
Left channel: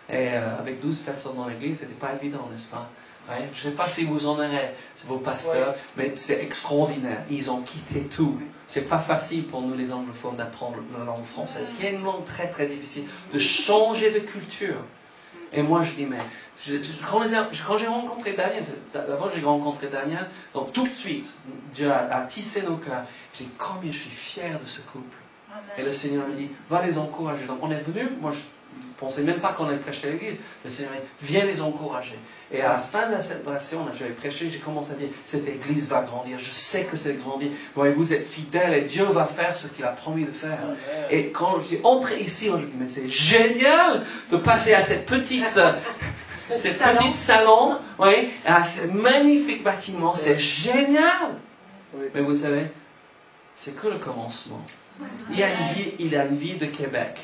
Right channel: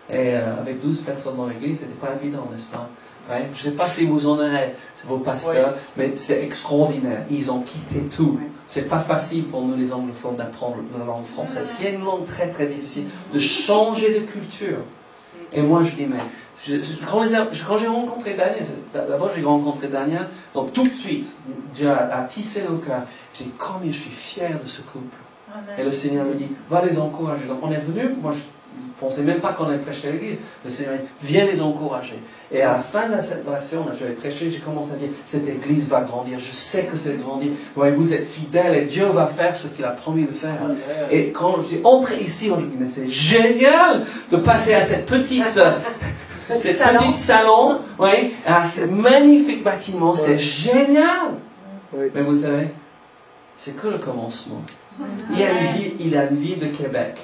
Et avec 12 personnes dans l'église, ce n'était pas évident, n'est-ce pas? Ouais? Je ne sais pas si vous en aurez, vos pasteurs, mais c'est extraordinaire. Ils ont quitté tout. C'est pas facile pour nous, les anglophones, d'apprendre la langue française, qui est une langue très très difficile, de changer de culture. Et moi, je dis, mais quand j'ai rencontré Daniel, d'abord j'ai rencontré Daniel, donc tout de suite, Dieu a tissé nos cœurs. J'ai dit, combien je suis fier de ce couple. Et le Seigneur me dit, va les encourager. Donc on est venu, moi je ne pensais même pas qu'on allait prêcher à l'église. Le Seigneur m'a dit, viens les encourager. Et à la fin de la célébration, j'avais prêché, j'ai commencé à dire, cette église va grandir, je sais que c'est grandir. Vous êtes fidèles et Dieu va faire ce qu'il a promis de faire. Et quand je suis entré ici, on dit, mais c'est génial de passer à cette petite salon, oui, à ce magnifique bâtiment, c'est génial. Mais vous savez, c'est que le commencement. Il y a une vie de Québec.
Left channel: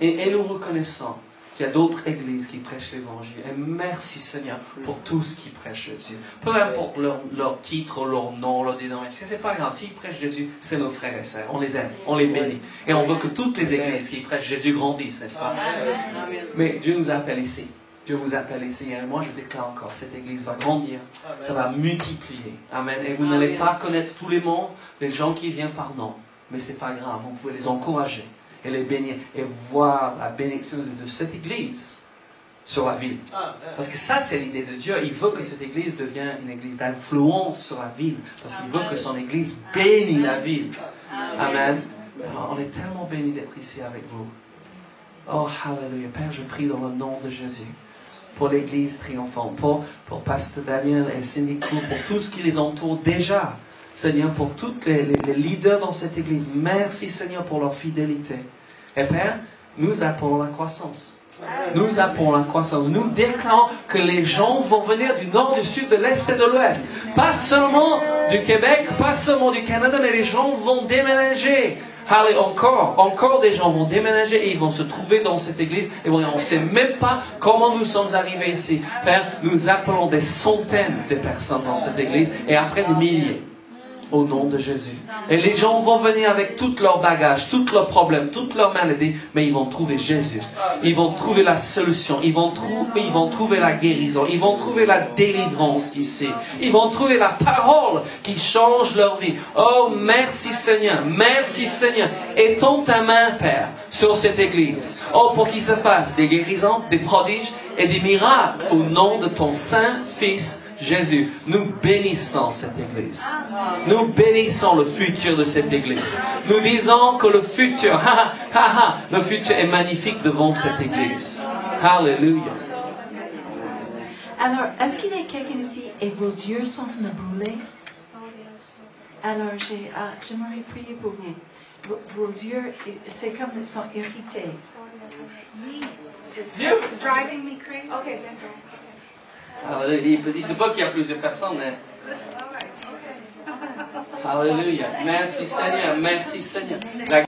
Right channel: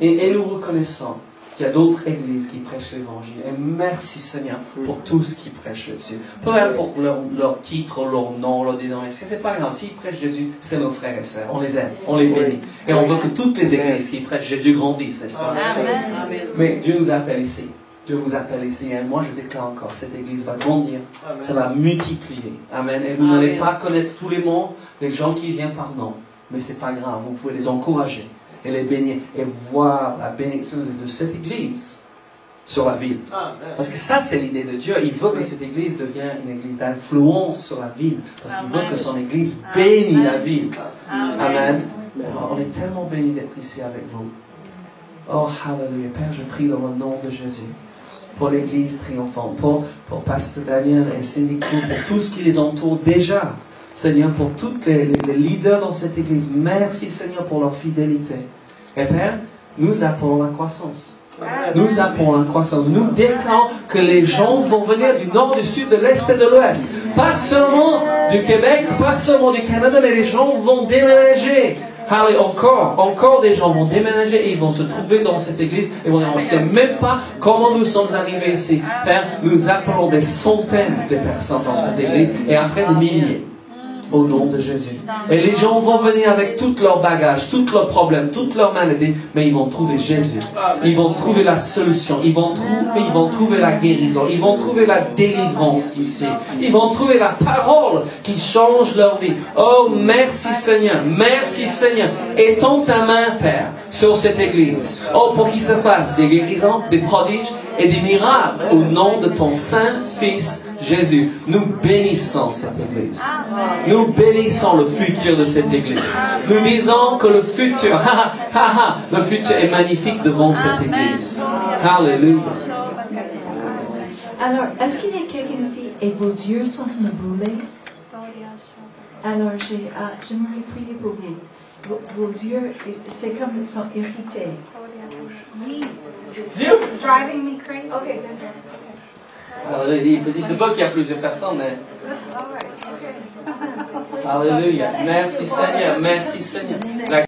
Et nous reconnaissons qu'il y a d'autres églises qui prêchent l'évangile. Et merci Seigneur pour tous qui prêchent Jésus. Peu importe leur titre, leur nom, leur dénomination, c'est pas grave. S'ils prêchent Jésus, c'est nos frères et sœurs. On les aime, on les bénit. Et on veut que toutes les églises qui prêchent Jésus grandissent, n'est-ce pas? Mais Dieu nous appelle ici. Dieu vous appelle ici. Et moi, je déclare encore, cette église va grandir. Ça va multiplier. Amen. Et vous n'allez pas connaître tous les mots des gens qui viennent par nom. Mais c'est pas grave. Vous pouvez les encourager et les bénir et voir la bénédiction de cette église sur la ville. Parce que ça, c'est l'idée de Dieu. Il veut que cette église devienne une église d'influence sur la ville. Parce qu'il veut que son église bénisse la ville. Amen. Alors, on est tellement bénis d'être ici avec vous. Oh, hallelujah. Père, je prie dans le nom de Jésus pour l'église triomphante, pour Pasteur Daniel et Cindy Crew, pour tout ce qui les entoure déjà. Seigneur, pour tous les leaders dans cette église, merci Seigneur pour leur fidélité. Et Père, nous appelons la croissance. Nous appelons la croissance. Nous déclarons que les gens vont venir du nord, du sud, de l'est et de l'ouest. Pas seulement du Québec, pas seulement du Canada, mais les gens vont déménager. Allez, encore des gens vont déménager et ils vont se trouver dans cette église et on ne sait même pas comment nous sommes arrivés ici. Père, nous appelons des centaines de personnes dans cette église et après des milliers. Au nom de Jésus. Et les gens vont venir avec tout leur bagage, tous leurs problèmes, toutes leurs maladies, mais ils vont trouver Jésus. Ils vont trouver la solution. Ils vont trouver la guérison. Ils vont trouver la délivrance ici. Ils vont trouver la parole qui change leur vie. Oh, merci Seigneur. Merci Seigneur. Étends ta main, Père, sur cette église. Oh, pour qu'il se fasse des guérisons, des prodiges et des miracles au nom de ton saint Fils Jésus. Nous bénissons cette église. Nous bénissons le futur de cette église. Nous disons que le futur, le futur est magnifique devant cette église. Alléluia. Alors, est-ce qu'il y a quelqu'un ici et vos yeux sont brûlés? Alors, j'aimerais prier pour vous. Vos yeux, c'est comme ils sont irrités. Dieu. Driving me crazy. Okay. Il ne sait pas qu'il y a plusieurs personnes, mais... Alléluia. Merci Seigneur. Merci Seigneur.